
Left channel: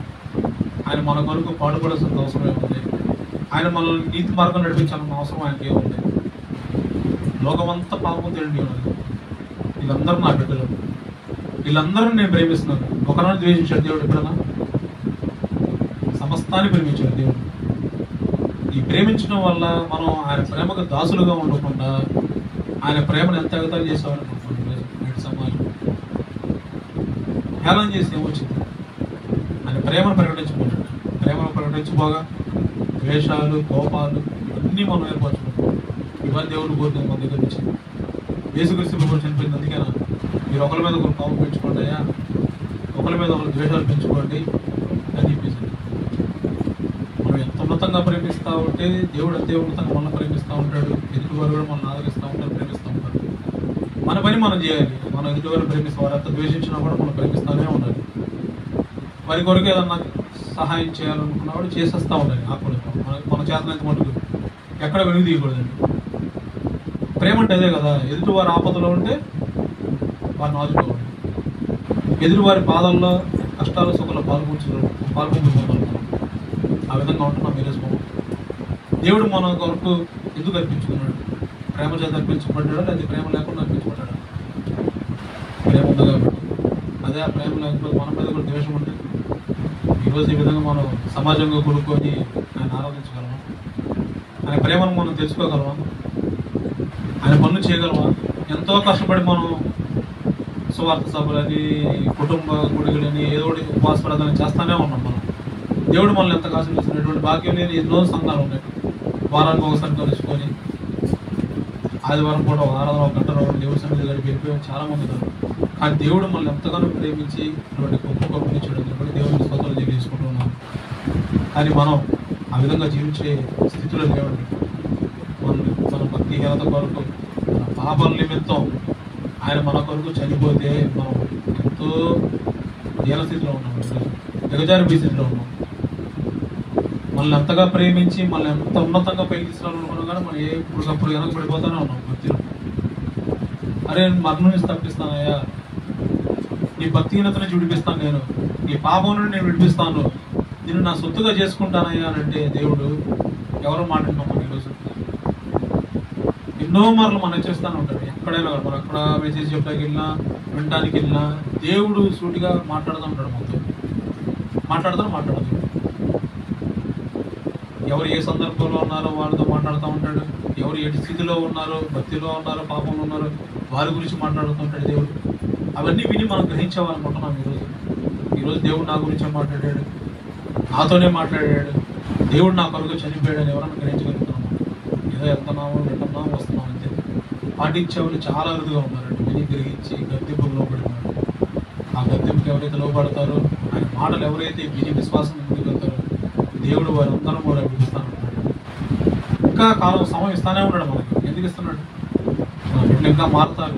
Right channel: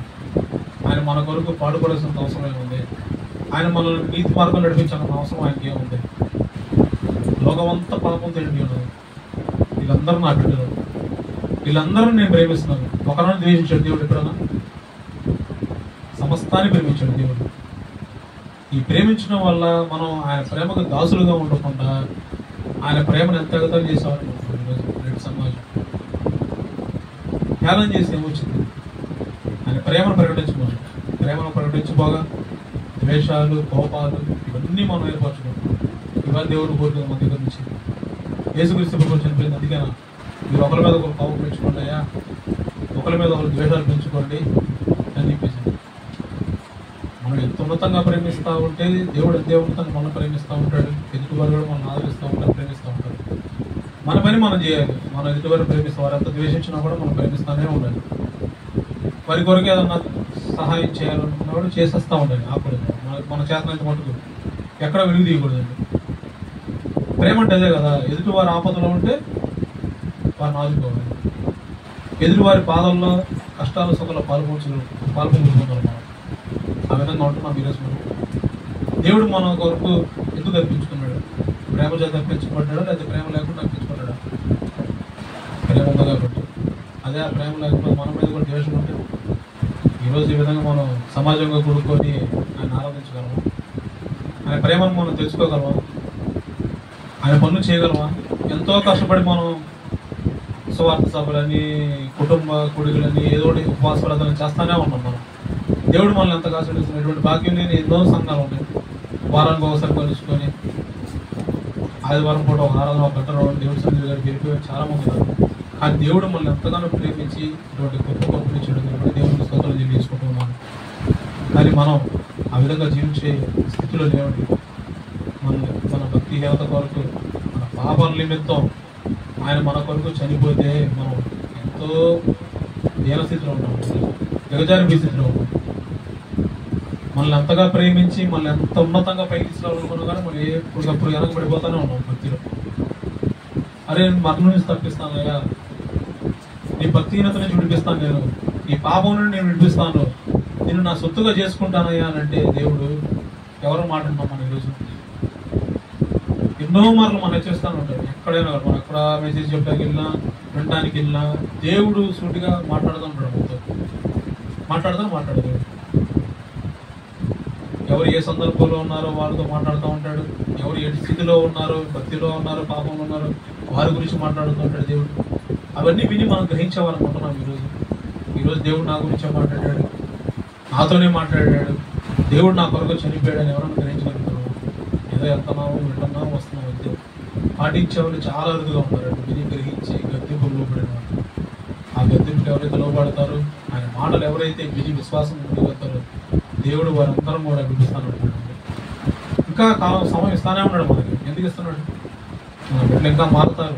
ఆయన మన కొరకు పాడుపడాల్సిన అవసరమే ఉంది. ఆయన మనల్ని నీతి మార్గం నడిపించాల్సిన అవసరం ఆయనకి ఏముంది? లోకమంతా పాపంతో నిండి ఉన్నది. వీళ్ళందరూ నా బిడ్డలు, వీళ్ళందరూ నేను ప్రేమిస్తున్నాను. ఒకరిని ద్వేషించాడు దేవుడు ఎప్పుడన్నా? సమస్తాన్ని ప్రేమించాడు దేవుడు. ఈ ప్రేమించడం వల్ల మనం ఆయన ప్రేమకు దాసులుగా ఉండకుండా ఆయన ప్రేమను ఎంత ఎగతాలు చేసేవారు నేటి సమాజం. హేళన చేసి ఏమొచ్చింది? ఆయన ప్రేమను ప్రకటించకూడదు. ప్రేమను ప్రకటించబోగా ద్వేషాలు, కోపాలు ఇవన్నీ మనం ఏర్పరచుకుంటాం. ఇవాళ దేవుడు కోరిక మన దగ్గర నుంచి యేసుక్రీస్తు ప్రభువు చనిపోయింది. అందుకేనా మీరు ఒకరి మీద ఒకరు కోపం పెంచుకోండి అయ్యా, ఒకరి మీద ఒకరు ద్వేషాలు పెంచుకోండి అని చెప్పేసి. మనం ఎంత ఉన్నతంగా ప్రేమిస్తూ ఉంటే దేవుడు అంతే ఉన్నతంగా మనం ప్రేమిస్తూ ఉంటాడు. ఎదుటివారు కూడా మనం ఆదరిస్తూ ఉంటారు, ప్రేమిస్తూ ఉంటాడు. మన పని మనం చేయాలి. మనం ఎదుటివారు ప్రేమిస్తాం, వారు ఎంత ద్వేషించినా కూడా మనం ప్రేమిస్తూనే ఉండాలి. వారి కొరకు ఏదన్నా సహాయం చేయాలనుకున్నా కూడా చేసేస్తూ ఉండాలి. ఆపలేదు మన చేతనంత మటుకు ఎక్కడ వెలుగు తీయకూడదండి. ప్రేమ అంటే అదే కదా. ఎదుటి వారి ఆపదలో ఉంటే వారిని ఆదుకోవాలి. ఎదుటి వారి బాధల్లో, కష్టాల సుఖాలు పాల్పంచుకోవాలి. ఆ విధంగా ఉంటున్నాం ఈరోజు మనం. దేవుడు మన కొరకు ఎందుకు అర్పించుకున్నాడు? ప్రేమ చేత అర్పించబడ్డాడా లేదా ప్రేమ లేకుండా అర్పించబడ్డాడా? ప్రేమ ఉంది కాబట్టి. అదే ఆ ప్రేమ లేకపోతే మన మీద కూడా ద్వేషం ఉంటే ఈరోజు ఈ విధంగా మనం సమాజంగా కూడుకొని ఆయన ఆరాధించగలమా? ఆయన ప్రేమను మనం తెలుసుకోగలమా? ఆయన పనులు చేయగలమా? ఎంతో కష్టపడి మనం సువార్త సభలని, కుటుంబ గుడిలని, ఏదో ఉపవాస ప్రార్థన చేస్తానే ఉన్నాం మనం. దేవుడు మనల్ని ఎంత ఆశీర్వదిస్తున్నాడు. ఇటువంటి భాగ్యం లేని ఎన్నో సంఘాలు ఉన్నాయి. వారానికి ఒకసారి కలుసుకొని ఆదివారం పూట ఒక ఆరాధన, ఒక గంట రావడం, దేవుడి సన్నిధి గడిపి చాలా మంది ఉన్నారు. కానీ దేవుడు మనల్ని ఎంతగానో ప్రేమించి ఇటువంటి గొప్ప గొప్పని చేయడం కాబట్టి దేవుడిని స్తోత్రాలు చేసుకుంటున్నాం. కానీ మనం ఆ విధంగా జీవించే స్థితిలో లేవండి. మన భక్తిహీనత కొరకు, మన పాపల నిమిత్తం ఆయన మన కొరకు చనిపోతే మనం ఎంతో దీనస్థితిలో ఉంటాం, దిగజారి స్థితిలో ఉంటాం. మనల్ని ఎంతగా ప్రేమించి మనల్ని ఎంత ఉన్నతంగా పైకి తీసుకురావాలనుకున్నా కానీ మనం ఎప్పటికప్పుడు వెనకబడిపోతానే ఉన్నాం భక్తిలో. అరే మరణం నుంచి తప్పిస్తానయ్యా, నీ భక్తిహీనత నుంచి విడిపిస్తాను, నేను నీ పాపం నుండి నేను విడిపిస్తాను, నేను నా సొత్తుగా చేసుకుంటానయ్యా అని అంటే దేవుడు ఎవరు మాట్లాడుతున్నాం మనం ఈరోజు? ఎన్నో మార్లు మనం హెచ్చరిస్తానే ఉంటాడు. ఎక్కడైనా మనం ఎక్కడ మెసేజ్ చెప్పడానికి వెళ్ళినా, వినడానికి వెళ్ళినా దేవుడు సూటిగా మాట్లాడుతూ ఉంటాడు. మొత్తం మాట్లాడతాడు. ఎవరు ఏ సందర్భంలో ఉన్నారో వాళ్ళతో మాట్లాడుతూ ఉంటాడు. ఎవరు ఏ స్థితిలో ఉన్నారో, భక్తిలో ఉన్నారో, పాపంలో ఉన్నారో వారి గురించి మాట్లాడుతూ ఉంటాడు దేవుడు. అవన్నీ విని మనం గ్రహించేవాలనుకుంటున్నాం. ఈరోజు దేవుడు నా గురించే మాట్లాడాడు, నాతోనే మాట్లాడాడు, దేవుడు నా కొరకు చనిపోయాడని ఎవరన్నా గ్రహించగలుగుతున్నాం? ఏదో వెళ్తున్నాము, వింటున్నాము, వస్తున్నాం అంతే. పాటించే వాళ్ళు చాలా అరుదుగా ఉన్నారండి. విని గ్రహించి గద్దెంపుకు లోపడినారు. ఆ గద్దెంపుకి ఎవరైతే లోపడతారో, ఆయన మాటలు ఎవరైతే విని విశ్వాసం ముందుకెళ్తారో దేవుడు వారందరం కూడా విడిపిస్తాను. ఇంకా సమయం ఇస్తానే ఉన్నాడు మనకి. ఎందుకు ఇస్తున్నాడు? మన బిడ్డలు ఇంకా మారుతారు,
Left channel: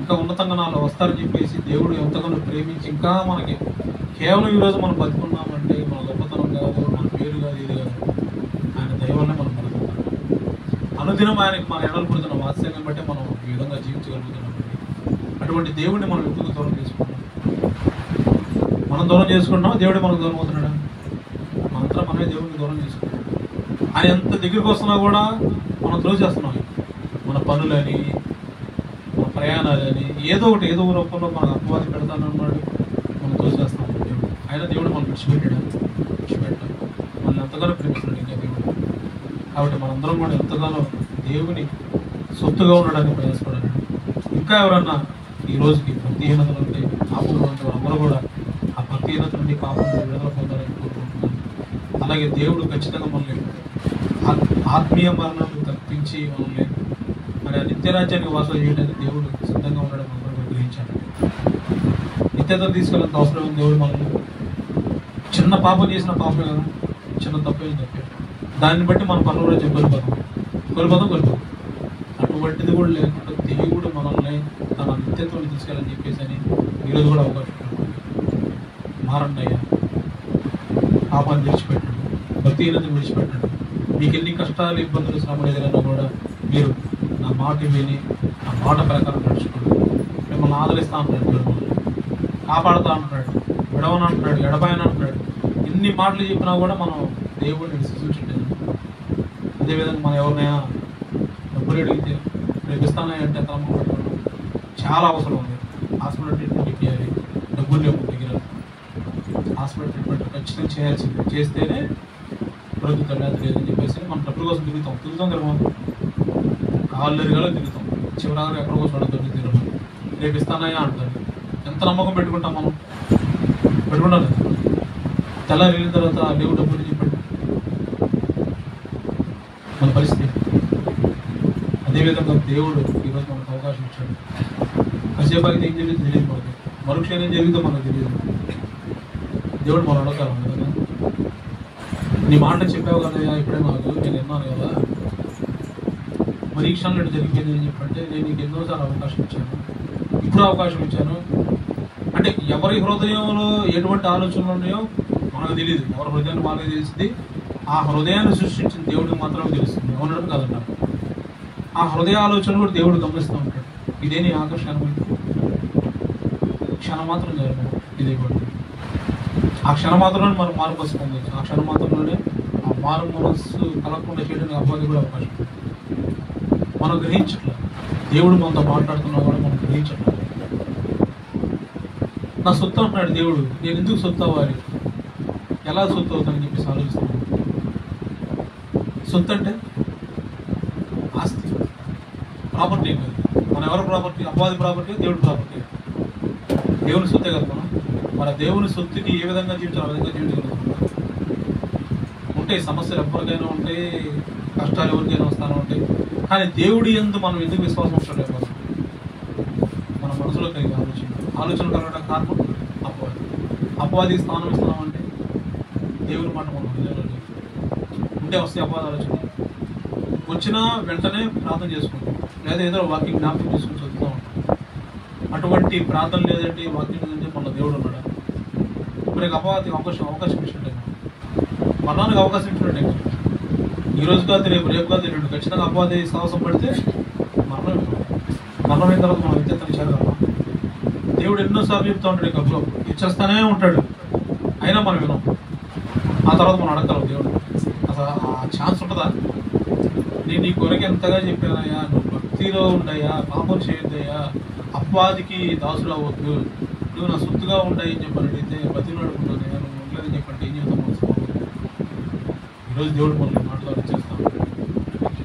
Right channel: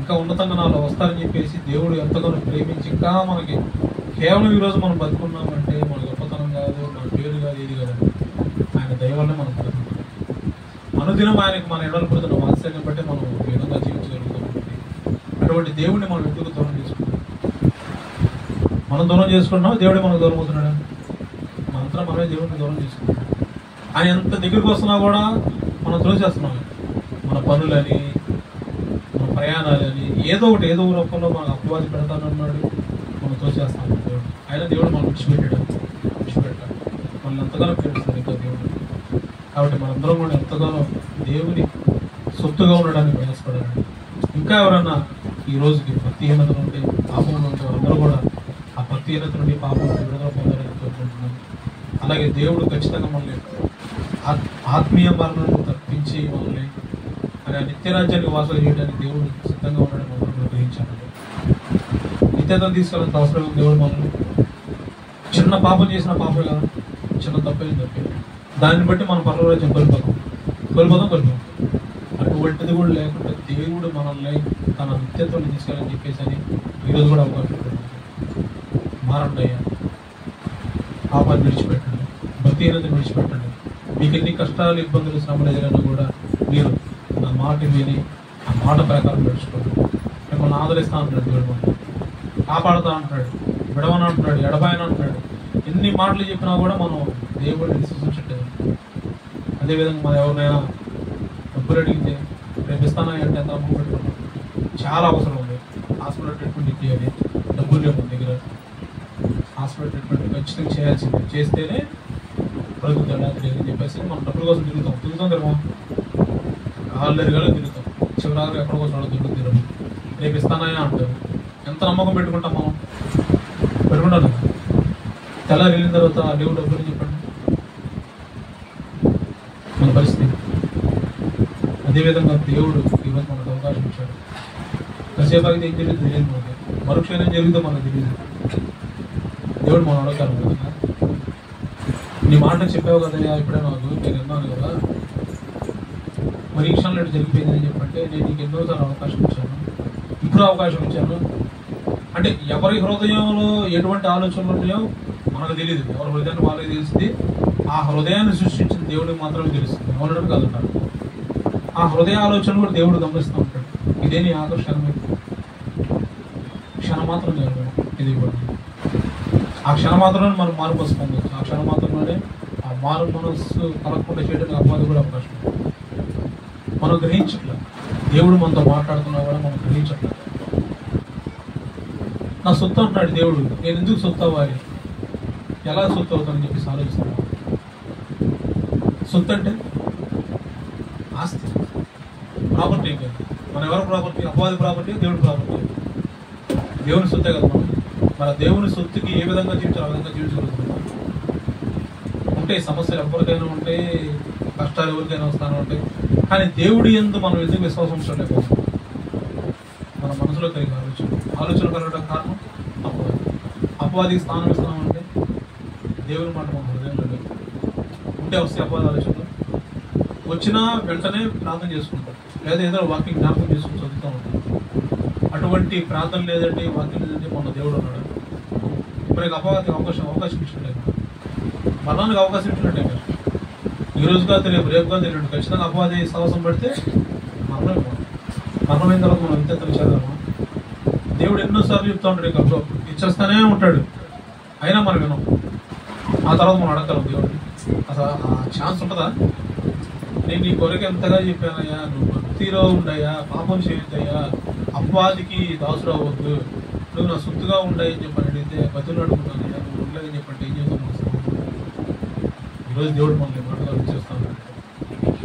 ఇంకా ఉన్నతంగా నాలో వస్తారని చెప్పేసి దేవుడు ఎంతగానో ప్రేమించి ఇంకా మనకి కేవలం ఈరోజు మనం బతుకున్నామంటే మన గొప్పతనం కాదు, మన పేరు కాదు, ఇది కాదు, ఆయన దయ వల్లే మనం బతుకున్నాం. అనుదినం ఆయనకి మన ఎడలు పుడుతున్న వాత్సల్యం బట్టి మనం ఈ విధంగా జీవించగలుగుతున్నాం. అటువంటి దేవుడిని మనం ఎందుకు దూరం చేసుకుంటాం? మనం దూరం చేసుకుంటున్నాం, దేవుడే మనకు దూరం అవుతున్నాడు. మనంతా మనమే దేవుడిని దూరం చేసుకుంటాం. ఆయన ఎంత దగ్గరికి వస్తున్నా కూడా మనం త్రోసేస్తున్నాం. మన పనులని, మన ప్రయాణాలని, ఏదో ఒకటి ఏదో రూపంలో మనం అపవాది పెడతానన్నాడు, మనం త్రోసేస్తాం. దేవుడు మనం విడిచిపెట్టాడు. మనల్ని ఎంతగానో ప్రేమిస్తున్నాడు ఇంకా దేవుడు. కాబట్టి మనందరం కూడా ఎంతగానో దేవుని సొత్తుగా ఉండడానికి ప్రయాసపడాలండి. ఇంకా ఎవరన్నా ఈ రోజుకి భక్తిహీనత నుండి, పాపంలో ఉంటే వాళ్ళందరూ కూడా ఆ భక్తిహీనత నుండి, పాపం నుండి విడుదల పొందాలని కోరుకుంటున్నాం. అలాగే దేవుడు ఖచ్చితంగా మనల్ని ఆత్మీయ మరణాలను తప్పించి మనల్ని మరి ఆ నిత్యరాజ్యానికి వాసన చేయడానికి దేవుడు సిద్ధంగా ఉండడం మనం గ్రహించాలండి. నిత్యతను తీసుకెళ్ళినంత అవసరం దేవుడు మనల్ని చిన్న పాపం చేసిన పాపే కదా, చిన్న తప్పేది తప్పే, దాన్ని బట్టి మనం పరలోరాజ్యం కోల్పోతాం. అటువంటిది కూడా లేకుండా దేవుడు మనల్ని తన నిత్యత్వాన్ని తీసుకెళ్ళని చెప్పేసి అని ఈరోజు కూడా అవకాశం పెడుతుంది. మారండి అయ్యా, పాపాన్ని విడిచిపెట్టండి, భక్తిహీనతను విడిచిపెట్టండి. మీకు ఎన్ని కష్టాలు, ఇబ్బందులు, శ్రమలు ఎదురైనా కూడా మీరు నా మాట విని ఆ మాట ప్రకారం నడుచుకోండి. మిమ్మల్ని ఆదరిస్తా అంటున్నాడు దేవుడు, కాపాడుతా అంటున్నాడు, విడవని అంటున్నాడు, ఎడబాయని అంటున్నాడు. ఎన్ని మాటలు చెప్పినా కూడా మనం దేవుడిని విశ్వసించట్లేదు. అదేవిధంగా మనం ఎవరినైనా డబ్బులు అడిగితే రేపు ఇస్తానా అంటే ఎంత అమ్మ పెట్టుకోండి. చాలా అవసరం ఉంది. హాస్పిటల్ ట్రీట్మెంట్ చేయాలి, డబ్బులు లేవు దగ్గర. హాస్పిటల్ ట్రీట్మెంట్ ఖచ్చితంగా చేయాల్సింది, చేస్తేనే బ్రతుకుతాడు. అది లేదని చెప్పేసి మనం డబ్బుల కోసం తిరుగుతాం కదా, కాళ్ళు ఎరగాలో తిరుగుతాం. చివరిగా ఎక్కడ కోసం దొరుకుతారు. రేపు ఇస్తానా అంటారు. ఎంత నమ్మకం పెట్టుకుంటాం మనం? పెట్టుకుంటాం కదా. తెల్లారి వెళ్ళిన తర్వాత లేవు డబ్బులు చెప్పండి, మన పరిస్థితి. అదేవిధంగా దేవుడు ఈరోజు మనకు అవకాశం ఇచ్చాడు. కాసేపు అయితే ఏం జరిగిందో తెలియదు మనకి, మరుక్షణం ఏం జరిగిందో మనకు తెలియదు. దేవుడు మనం అడగాలి కదా, నీ మాట చెప్పావు కదా ఇప్పుడే నాకు, నేను విన్నాను కదా, మరి ఈ క్షణంలో జరిగిపోయింది అని చెప్పంటే నేను నీకు ఎన్నోసార్లు అవకాశం ఇచ్చాను, ఇప్పుడు అవకాశం ఇచ్చాను. అంటే ఎవరి హృదయంలో ఎటువంటి ఆలోచనలు ఉన్నాయో మనకు తెలియదు. ఎవరి హృదయాన్ని వాళ్ళకి తెలుస్తుంది. ఆ హృదయాన్ని సృష్టించిన దేవుడికి మాత్రమే తెలుస్తుంది. ఉండడం కాదుంటారు. ఆ హృదయ ఆలోచన కూడా దేవుడు గమనిస్తూ ఉంటాడు. ఇదే నీ ఆకర్షణ, క్షణం మాత్రం జరగదు. ఇది కూడా ఆ క్షణం మాత్రంలోనే మనం మార్పు పొందవచ్చు. ఆ క్షణం మాత్రంలోనే ఆ మారు మనస్సు కలగకుండా చేయడానికి అపవాది కూడా అవకాశం ఉంది. మనం గ్రహించట్ల, దేవుడు మనతో మాట్లాడుతున్నా కూడా మనం గ్రహించట్ల. నా సొత్తు అంటున్నాడు దేవుడు, నేను ఎందుకు సొత్తు అవ్వాలి, ఎలా సొత్తు అవుతానని చెప్పేసి ఆలోచిస్తున్నాను. సొత్తు అంటే ఆస్తి, ప్రాపర్టీ కాదు. మన ఎవరి ప్రాపర్టీ? అపవాది ప్రాపర్టీ, దేవుడి ప్రాపర్టీ. దేవుని సొత్తే కదా మనం. మన దేవుని సొత్తుకి ఏ విధంగా జీవించాలి ఆ విధంగా జీవించగలుగుతున్నాం. ఉంటాయి సమస్యలు, ఎవరికైనా ఉంటాయి, కష్టాలు ఎవరికైనా వస్తానే ఉంటాయి. కానీ దేవుడి యందు మనం ఎందుకు విశ్వాసం ఉంచడం? మన మనసులో కలిగిన ఆలోచన కలగడం కారణం అపవాది స్థానం ఇస్తున్నాం అంటే దేవుని మాట మన హృదయంలో లేదు. ఉంటే వస్తే అపవాది ఆలోచన వచ్చినా వెంటనే ప్రార్థన చేసుకుంటాం, లేదా ఏదో వాక్యం జ్ఞాపకం చేసుకుని చదువుతూ ఉంటాం. అటువంటి ప్రార్థన లేదంటే, వాక్యం లేదంటే మన దేవుడు ఉన్నాడు. మనకి అపవాదికి అవకాశం ఇచ్చినట్టే, మరణానికి అవకాశం ఇచ్చినట్టే కదా. ఈ రోజు కాదు, రేపు కాదు, రెండు ఖచ్చితంగా అపవాది సాహసం పడితే మరణమైన తర్వాత మనం విద్యతను చదవాలి. దేవుడు ఎన్నోసార్లు చెప్తూ ఉంటాడు, ఇంకా ఇచ్చేస్తానే ఉంటాడు, అయినా మనం వినాం. ఆ తర్వాత మనం అడగలం దేవుడు. అసలు ఆ ఛాన్స్ ఉంటుందా? నేను నీ కొరకు ఎంతగా చెప్పానయ్యా, నువ్వు భక్తిలో ఉండయ్యా, పాపం చేయొద్దయ్యా, అపవాదికి దాసుడు అవ్వద్దు, నువ్వు నా సొత్తుగా ఉండయి అని చెప్పని అడిగితే బతులు అడుగుతున్నాను, నువ్వు ఉండలేదని చెప్పంటే ఏం చెప్తాను? ఈరోజు దేవుడు మనల్ని మాటలు వచ్చేస్తాం.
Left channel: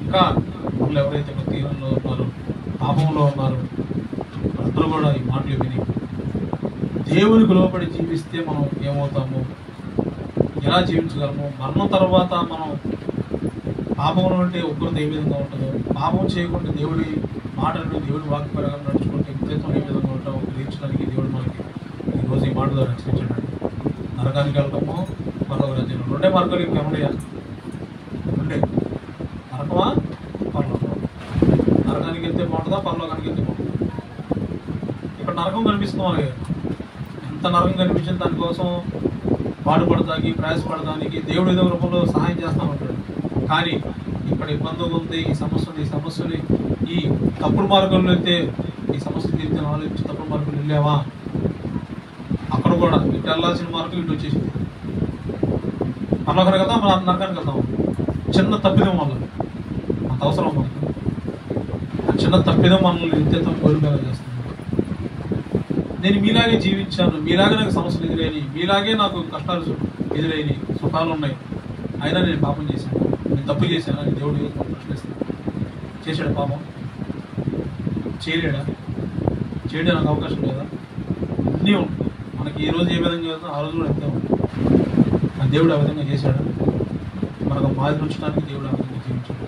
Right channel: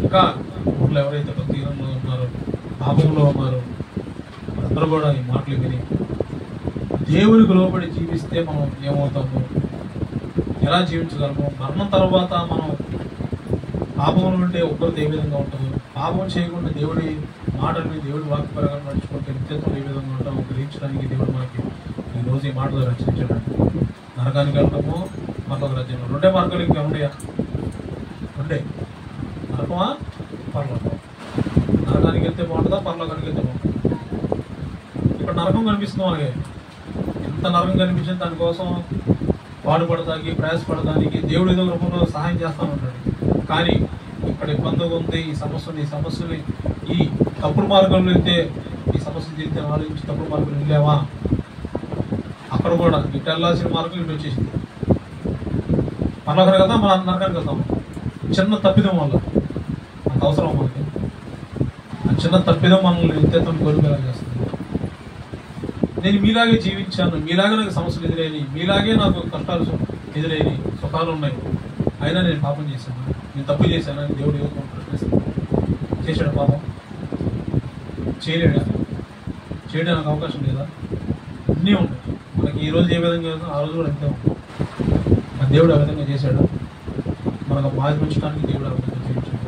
ఇంకా మనలో ఎవరైతే భక్తిహీనంలో ఉన్నారో, పాపంలో ఉన్నారో, వాళ్ళందరూ కూడా ఈ మాటలు విని దేవునికి లోబడి జీవిస్తే మనం ఏమవుతాము, ఎలా జీవించగలము, మరణం తర్వాత మనం పాపంలో ఉంటే ఒక్కరిది ఏ విధంగా ఉంటుందో, పాపం చేయకుండా దేవుడి మాటలను దేవుడి వాక్య ప్రకారం నడుచుకుంటే నిత్యత్వం ఏ విధంగా ఉంటామో గ్రహించడానికి దేవుడు మనకి ఈరోజు ఈ మాట ద్వారా రక్షించాడు. నరకానికి వెళ్ళటము, మరొక రాజ్యం. రెండే మార్గాలు ఇంకా ఉన్నాయా? రెండే, నరకమా పరలోకం. నరకానికి వెళ్తే బాగుంటుందా, పరలోకానికి వెళ్తే బాగుంటుందా? ఇక్కడ నరకం కనిపిస్తుంది అలాగే. ఎంత నరకం కనిపించింది, దానికోసం పాటుపడడానికి ప్రయాసపడడానికి దేవుడు ఏదో రూపంలో సహాయం చేస్తూ ఉంటాడు. కానీ ఇక్కడ ఇబ్బందిగా ఉంది, ఈ సమస్యని ఈ తప్పుడు మార్గంలో వెళ్తే ఈ సమస్య తీరితే ఆలోచించి తప్పుడు మార్గంలో వెళ్ళావా, అక్కడ కూడా ఇటు వెళ్ళాల్సిన మార్గం ఇటు వచ్చేసింది. పర్లోకం కదా, మన నరకానికి వెళ్తాం. చిన్న తప్పిదం వల్ల అంత అవసరం మనకి. ఆ చిన్న తప్పిదం మనల్ని నిత్యత్వం కోరికలా చేస్తుంది. నేను మీలాగే జీవించాను, మీలాగే నాకు సమస్యలు ఎదురైనాయి, మీలాగే నాకు కష్టాలు ఎదురైనాయి, సుఖాలు ఉన్నాయి, అయినా నేను పాపం చేశాను, నేను తప్పు చేశాను అని దేవుడు ప్రశ్నిస్తాను. చేశాడు పాపం? చేయలేడా? చేయడానికి అవకాశం లేదా? అన్నీ ఉంటాయి మనకి. ఈ రోజు ఏ విధంగా చేస్తాం ఆ రోజు కూడా అంతే ఉంటుంది. దేవుడు ఆ విధంగా చేశాడు. మనకు మాది ఉంచడానికి దేవుడు ఆ విధంగా జీవించాడు.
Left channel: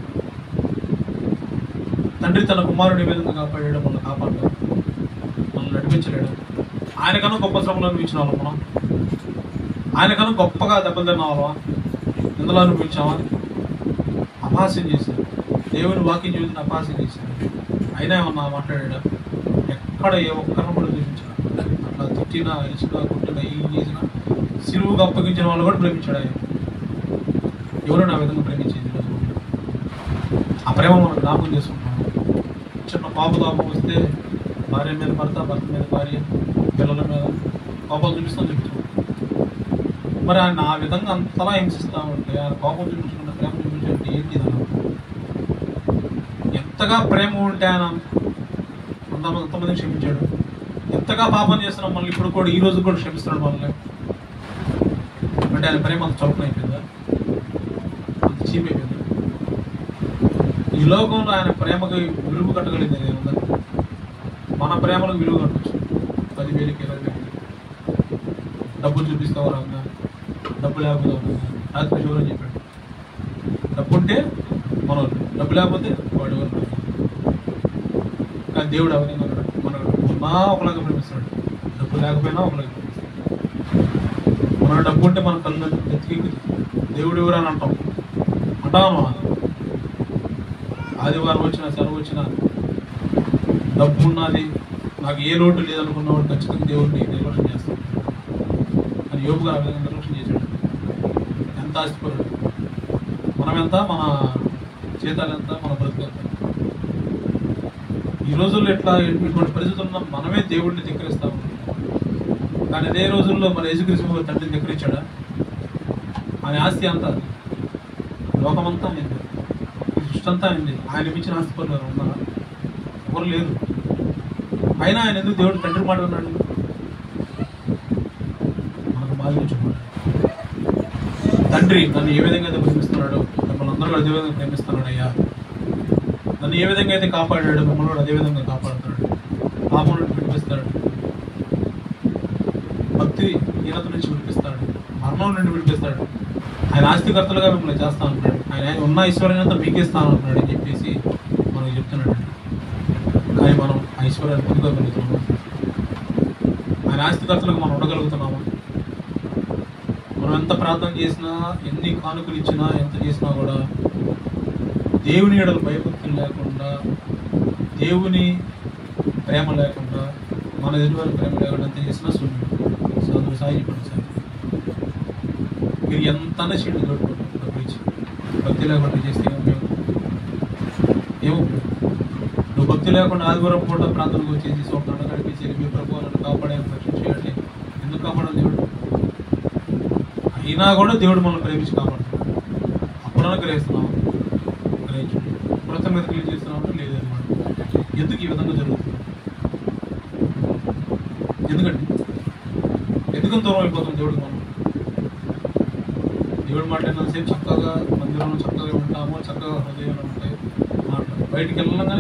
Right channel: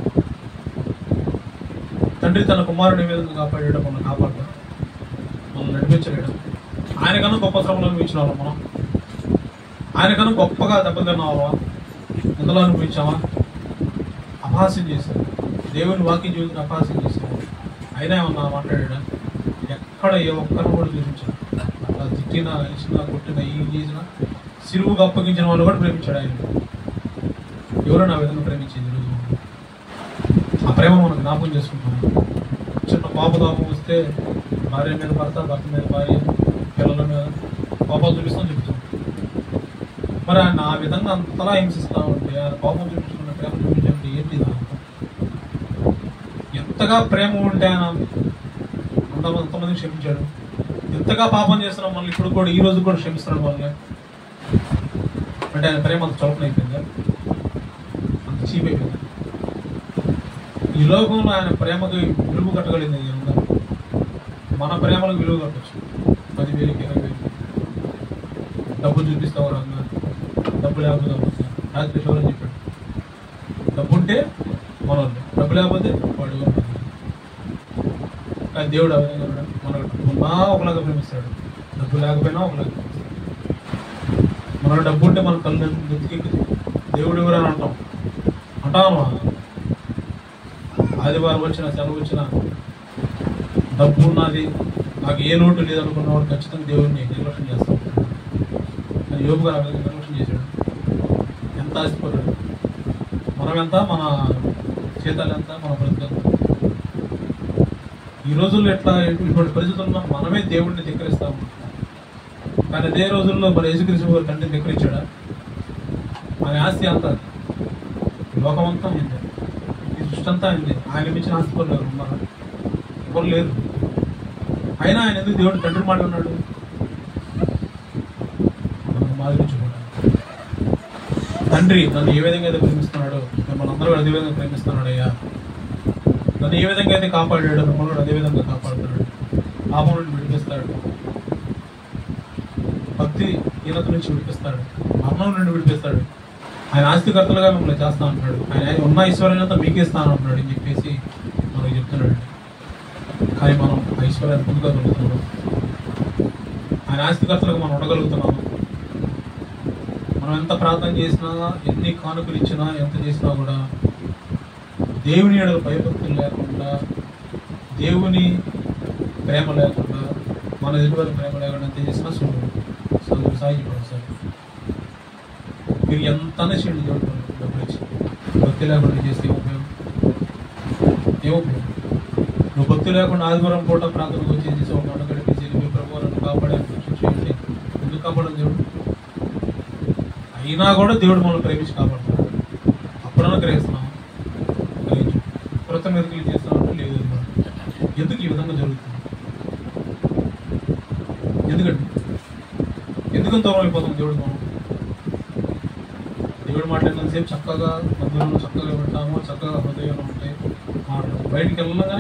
తండ్రి తన కుమారుడు ఏ విధంగా కాపాడాడు, మనల్ని కాపాడతాడు, మనల్ని నడిపించలేడు. ఆయనకన్నా గొప్ప శ్రమలు అనిపించిన వాళ్ళం మనం, ఆయనకన్నా గొప్పగా దెబ్బలు తిన్న వాళ్ళమా, ఇందులో అనిపించామా? అపహాస్యం చేశాడు, దేవుని వాక్యం చూసిన అపహాస్యం చేశాడు. అయినా ఏమన్నా మాట్లాడా? ఎక్కడ ఏ ఒక్కరిని కూడా ప్రేమించాడు. అట్లా తిట్టినా, ఇచ్చినా, కొట్టినా, ఏం చేసినా సిలువుగా అప్పగించిన వాళ్ళు కూడా ప్రేమించాడు ఆయన. ఎవరైనా ఆ విధంగా ప్రేమించేది ఈరోజు. ఆ ప్రేమ మనం జ్ఞాపకం చేసుకుంటాం. చిన్న కోపతాపం వస్తే భార్య మీద భర్త, భర్త మీద భార్య, పిల్లల మీద కోపాలు చూపిస్తాం. మరి ఆయన ఆ విధంగా అంతలా హింసిస్తామంటే, ఆయన కోపం చూపించుకున్న ప్రేమ చూపించాలంటే ఏంటి? ఎంతగా ప్రేమ ఉంటే ఆయన అంతమందిని క్షమించాడు. ఎంతగా పాపం చేస్తున్నాం మనల్ని ఇప్పుడు కూడా, ఈ రోజు కూడా క్షమిస్తున్నాడు మనల్ని. అంటే ఆయన ప్రేమ అంత చౌకనైపోయిందా, అంత చీప్ అయిపోయిందా? ఈ లోకంలో ఆయన ప్రేమకు విలువ కట్టగలిగింది ఉందా? మన ప్రేమలకు విలువ కట్టచ్చు. 10,000, 20,000 డబ్బులు చూపిస్తావు రంగా, డబ్బు లేకపోతే రాత్రి శివరని చెప్పాడు. డబ్బు ఉంటే మనోళ్ళు, డబ్బు లేకపోతే వాడు ఎవరు. కానీ దేవుడు అవన్నీ మనకు డబ్బు ఒకలాగా ప్రేమిస్తాడు, డబ్బు లేకపోయినా ఒకలాగా ప్రేమిస్తాడు. మన డబ్బు ఉంటే మన కళ్ళు నెత్తికెక్కుతుంది. దేవుడు ఎవరు అని అంటాను. ఆదివారం వచ్చినా, సెలవు వచ్చినా, డబ్బు ఉన్నది, నాకు ఏ లోటు లేదనుకున్నవాడు ఖచ్చితంగా దేవుడిని నిర్లక్ష్యం చేస్తాడు. కానీ యోబు గారు ఆ విధంగా నిర్లక్ష్యం చేశాడు. ఎంత ఆస్తిపరుడు, మనం ఎంత, మన జీతాలు ఎంత, మన బ్రతుకెంత. ఈ రోజుల్లో ఎట్లా ఇటువంటి పరిస్థితుల్లో మనమే దేవుడిని ధిక్కరిస్తాము. కానీ అదే రోజుల్లో మన యేసుక్రీస్తు గారు తండ్రిని ధిక్కరించాడా? మన ఆస్తి అంతా, లోకమంతా అయింది, ఈ సృష్టి అంతా అయింది. ఆయన మించిన ఆస్తిపరులు ఉన్నారు? ఎవరు లేరు. అయినా ఆయన ఎందుకు దేవుడు తండ్రి మాట ఉన్నాడు? తండ్రి నన్ను ఏ విధంగా అయితే ప్రేమిస్తున్నాడో మిమ్మల్ని అందరూ అదే విధంగా ప్రేమిస్తున్నాడు అయ్యా. నన్ను ఏ విధంగా అయితే కాపాడాడో మిమ్మల్ని కూడా అదే విధంగా కాపాడుతున్నాడు. పాపం నుండి విడిపిస్తాడు, భక్తి హీనత నుంచి విడిపిస్తాడు, మరణం నుండి విడిపిస్తాడు. ఆయన ఆస్తికర్తలుగా మిమ్మల్ని చేస్తా అంటున్నాడు. ఆయన ఉన్న ఐశ్వర్యాన్ని మీకే ఇస్తాను అంటున్నాడు అని చెప్పేసి మనకు చెప్తున్నాడు. కానీ మనం ఐశ్వర్యాన్ని పొందుకోగలుగుతున్నాము, ఆయన ఆస్తికర్తలుగా మనం ఉండగలుగుతున్నాము. మనం ఎంత ప్రార్థన చేసినా, ఎన్ని కానుకలు ఇచ్చినా, ఎంత చేసినా కూడా దేవుని ఎడల భయభక్తులు లేకుండా, దేవుని ప్రేమ లేకుండా, మన ఎదుటివారి ప్రేమ లేకుండా ఎంత చేసినా సుందరు సాగిపోండి సార్. మీరు ఎంత చేయండి చూడండి, డబ్బులు ఇచ్చి భక్తి లేకుండా చేస్తే ఏమో నువ్వు భక్తి లేకుండా ఆదివారం పూట ప్రాంతంలో వచ్చేసి ఒక గంట గడిపేసి మీ ప్రభుత్వాలను కాపాడాలని రక్షించేయండి. ఎందుకు కాపాడాలి దేవుడు? అయినా కూడా దేవుడు మనం ప్రేమించి కాపాడుతున్నాడు. అప్పుడన్నా గ్రహిస్తున్నాము, గ్రహించు. కృత మెరుగులు చేస్తున్నామంటే లేదు అనమాట. ఎందుకు ఈ విధంగా జరుగుతుంది? ఎందుకండి ఎందుకంత దూరం అయిపోతుంది దేవుడు? మనం దేవుడి మాట విన్నంతసేపు చక్కగా మందిరంలో చక్కగా వింటాము, చక్కగా హృదయంలో ఉంటాయి మాటలు. బయటికి వెళ్ళగానే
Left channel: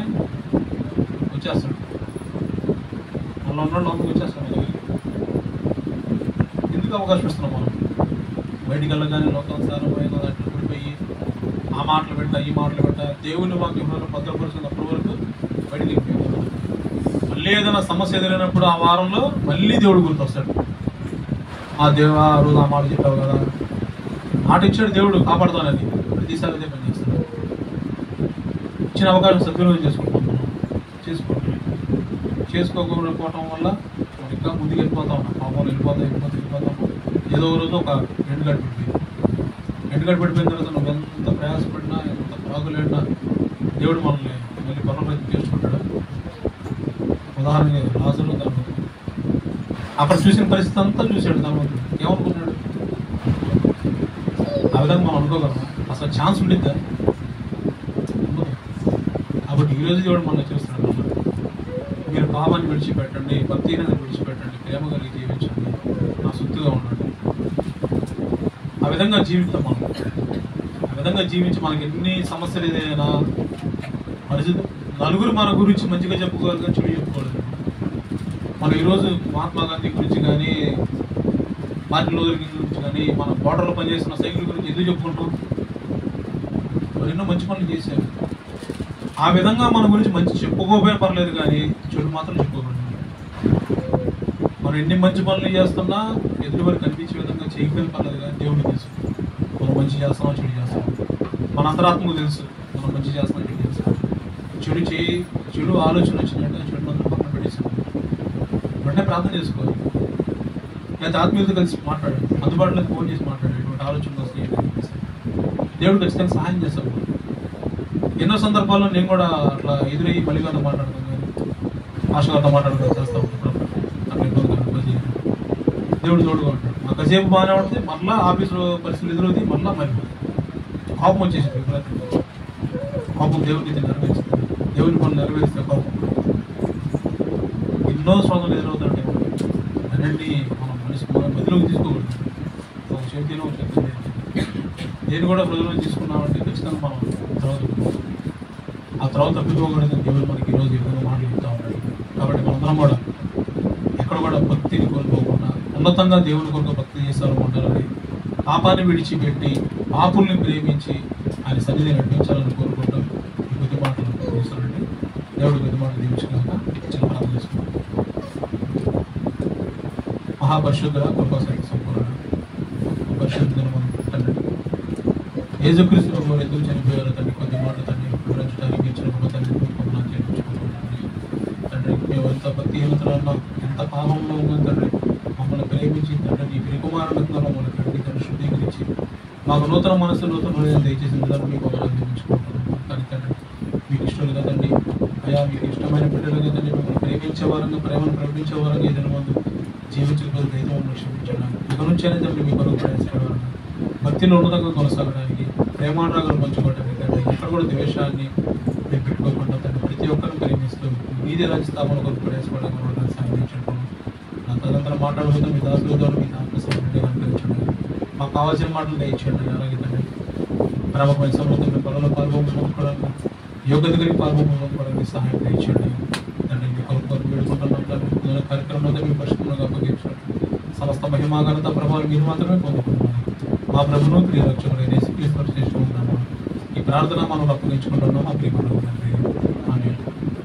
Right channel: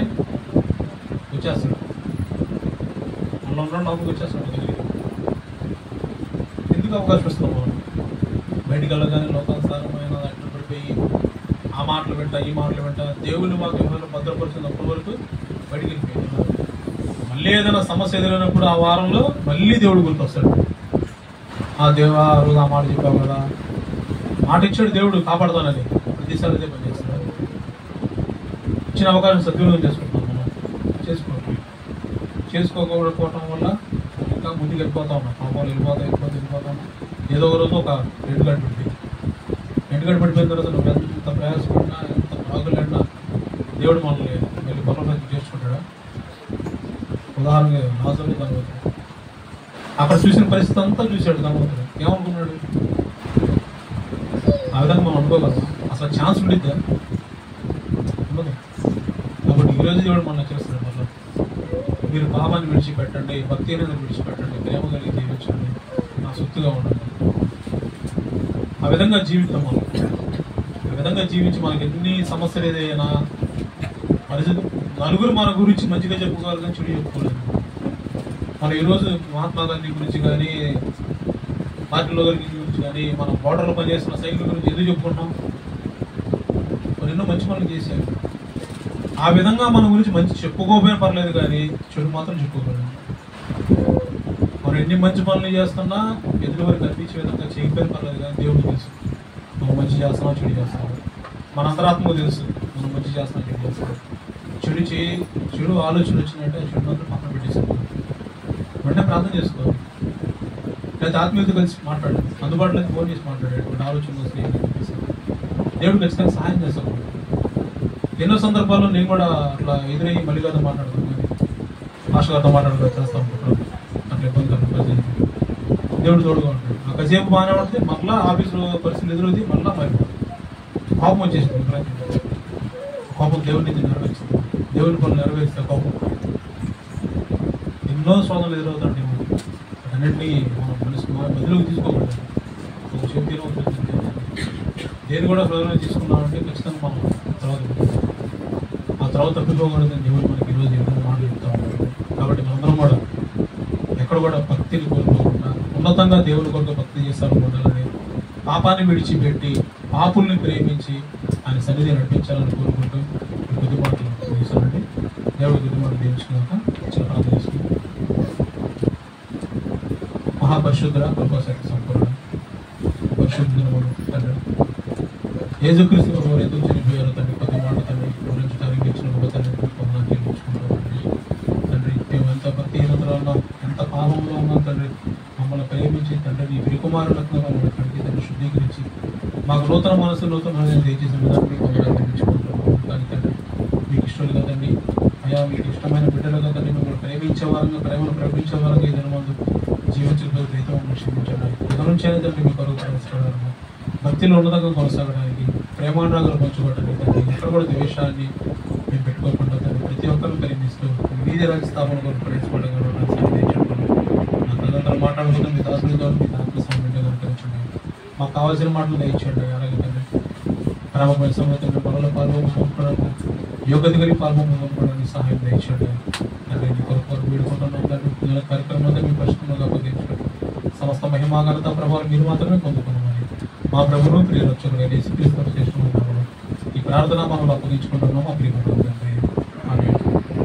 వచ్చేస్తాడు, మళ్ళీ ఉన్నాడు లోపలికి వచ్చేస్తాడు దగ్గరికి. ఎందుకు అవకాశం ఇస్తున్నాం మనం? బయటికి వెళ్ళగానే లోకానుసారమైన దాంట్లో పడిపోయి ఆ మాటలు పెట్టా ఈ మాటలు పెట్టా దేవుళ్ళు మాకు ఎవరు భద్రపరుచున్నప్పటి వరకు బయటికి వెళ్ళిపోయారు. మళ్ళీ ఏదైనా సమస్య ఎదురైనప్పుడు ఆ వారంలో మళ్ళీ దేవుడు గుర్తొస్తాడు. ఆ దేవా ఆ రోజు ఆ మాట చెప్పావు కదా, మాట ఇచ్చాడు దేవుడు కాపాడుతానని, ప్రతిసారి అదే పని చేస్తాడు. ఇచ్చిన అవకాశం సద్వినియోగం చేసుకుంటాం మనం, చేసుకోకపోవటం వల్ల ఇంకా ముందుకు వెళ్ళిపోతా ఉన్నాం. పాపాలు వెళ్ళిపోతాం. ఏదో ఒక రోజు ఒక ఎండుగడ్డ పడిపోయిన తర్వాత నువ్వు ఎంత ప్రయాసపడినా ఎంత ఆగులేడినా దేవుడు మనల్ని మళ్ళీ పర్వాలేదు చేసుకుంటాడు. ఉదాహరణగా లాజరు ధనవంతుడు అక్కడ చూసిన పరిస్థితి అంతా చూశాడు. ధనవంతుడు ఏమనుకున్నాడు? ఆ విధంగా మనం అనుకోగలమా? అసలు ఛాన్స్ ఉండిద్దా? ఉండదు. కాబట్టి ఈరోజు దేవుడు మనం చేస్తున్నాడు, మీరు పాపాన్ని విడిచిపెట్టండి, భక్తిని విడిచిపెట్టండి, ప్రేమ కలిగి జీవించండి, నా సొత్తుగా ఉండండి. ఆ విధంగా జీవితం మనం, ఆ విధంగా జీవించి మనకి ఎన్ని సమస్యలు ఏదైనా నలుగురు మన గురించి మంచిగా చెప్పుకోవాలి కానీ చెడు చెప్పుకోలేదు. మనం ఈరోజు మహాత్మా గాంధీ గురించి కానీ, మార్టిన్ లూథర్ కింగ్ గురించి కానీ, మన బోర్డర్లో పనిచేసిన సైకిల్ గురించి ఎందుకు చెప్పుకుంటాం? మరి ఎన్నో మంచి పనులు చేశారు. ఆ విధంగా మన గురించి మంచి చెప్పుకోపోయినా పర్లేదు కానీ చెడు మాత్రం చెప్పుకోకూడదు. మనం ఎన్ని మంచి పనులు చేస్తున్నా ఎదురువరకు కనిపించే విధంగా చేయకపోయినా పర్లేదు కానీ దేవుడు తెలుసు మనం మంచి చేస్తామో చెడు చేస్తాం. మన అంతరాత్మకు తెలుసు మనం మంచి చేస్తామో చెడు చేస్తాం. చెడు ఆలోచన వచ్చినట్టే చెడు మాత్రం పక్కన పెట్టేసుకోవాలి. వెంటనే ప్రార్థన చేసుకోవాలి, లేకపోతే ఆత్మీయులతో కలిసి మాట్లాడాడు, అందుబాటులో ఫోన్ చేసి మాట్లాడాడు. ఒకటి ఆలోచన వస్తే దేవుడు ఖచ్చితంగా సహాయం చేస్తాడు. ఎన్నో సందర్భాల్లో నేను కూడా అట్లా ఎదురయ్యి మళ్ళీ గారితో మాట్లాడతాను, కానీ మాస్టర్ గారితో మాట్లాడుతూ చేస్తా ఉంటాను. అట్లా ఇబ్బంది దేవుడు తోడుగా ఉంటాడు. ఆ కాసేపు బాగానే ఉంటుంది, మళ్ళీ ఆఫీసులో పరిస్థితులు ఎదురవుతాయి, మళ్ళీ మరి కోపం వచ్చేసింది. కోపం దేవుని నెరవేర్చింది, దేవుని పనులు నెరవేరిస్తే కోపం. ఎన్నో శోధనలు ఎదురవుతాయి. అన్నింటినీ మనం మదిలోకి తీసుకోకూడదు. ఒక చేతిలో చూస్తుంది నేను కూడా ప్రజలను తీసుకున్నామంటే ఖచ్చితంగా మనం ఆ తర్వాత తప్పిపోకూడదని దేవుడు మనకి ఈరోజు ఎన్నో మాటలు చెప్తా ఉన్నాడు. కాబట్టి మనందరం కూడా ఎక్కడ కూడా భక్తిని కోల్పోకుండా ఉన్నతంగా దేవుని కొరకు భక్తి చేస్తారనుకుంటారని, పాపాన్ని విడిచిపెట్టి పాపుల్ని ప్రేమించి ఆయన సన్నిధి నడిపించాలని కోరుకుంటూ ఈ కొద్ది మాటలు చూస్తానండి. దేవుడు కొద్ది మాటలు దీవించుకున్నాక చిన్న ప్రార్థన చేసుకున్నాం. మహాపరిశుద్ధ కృపాశక్తి సంపూర్ణ పరిశుద్ధ తండ్రి యేసుక్రీస్తు వారు ఎందుకు చనిపోయారో తండ్రి కొద్ది మాట తండ్రి వివరించడానికి ఇచ్చిన గొప్ప తండ్రి మేము ఎంత భక్తిహీనతలో ఎంత పాపంలో ఉన్నాం తండ్రి. మమ్మల్ని ప్రేమించి తండ్రి నీ విరుకుమారులకు మమ్మల్ని కడిగి తండ్రి శుద్ధీకరించి మాకు నూతన మనసు నూతన హృదయం దయచేసిన విధానం మీకు అభినందించుకుంటాము. కానీ తండ్రి మీకు ఇష్టం కదండి అయ్యా, మీకు ఇష్టమైన బిడ్డలుగా తండ్రి మిమ్మల్ని ప్రేమించే వారంగా ప్రేమను ప్రకటించే వారంగా ఏదైనా ముందు జీవించకపోతే అయితే మమ్మల్ని క్షమించండి. ఇక నుంచి అయినా తండ్రి మీ కొరకు చేసుకోవడానికి భక్తిలో ఉన్నతంగా కొనసాగడానికి ప్రేమానురాగాలు పంచుకోవడానికి తండ్రి ఎక్కడ కూడా ద్వేషాన్ని మేము పెట్టుకోకుండా తండ్రి ప్రతి ఒక్కరిని ప్రేమిస్తూ మీదే రాజ్యస్థాపన కొరకు ప్రవేశపడగలను సాధించండి. నా తదంతరం మాట్లాడుకుంటే మీ దాసులతో మీ ఆత్మస్వామిగా కనిపించండి. మాకు కావాల్సిన మాటలు దయచేయండి. అలాగే తండ్రి ప్రేమ పరిశ్రమలో తండ్రి పనుల పాల్గొనడానికి యోగ్యత కలిగి పాల్గొనడానికి సహాయం దయచేయండి. తండ్రి నీ కొరకు వేడుకుంటున్నాం తండ్రి. కార్యక్రమంలో మీ పరిశుభ్రంగా అప్పగించండి. సమస్త మహిమాఘనత ప్రభావం మీరు మాత్రమే పొందుతున్నాయి. మా ప్రభును ప్రియ రక్షకుడు యేసుక్రీస్తు చేస్తున్నాము. ఈ ప్రార్థన మనం అప్పగించుకుంటున్నాము. మా ప్రియ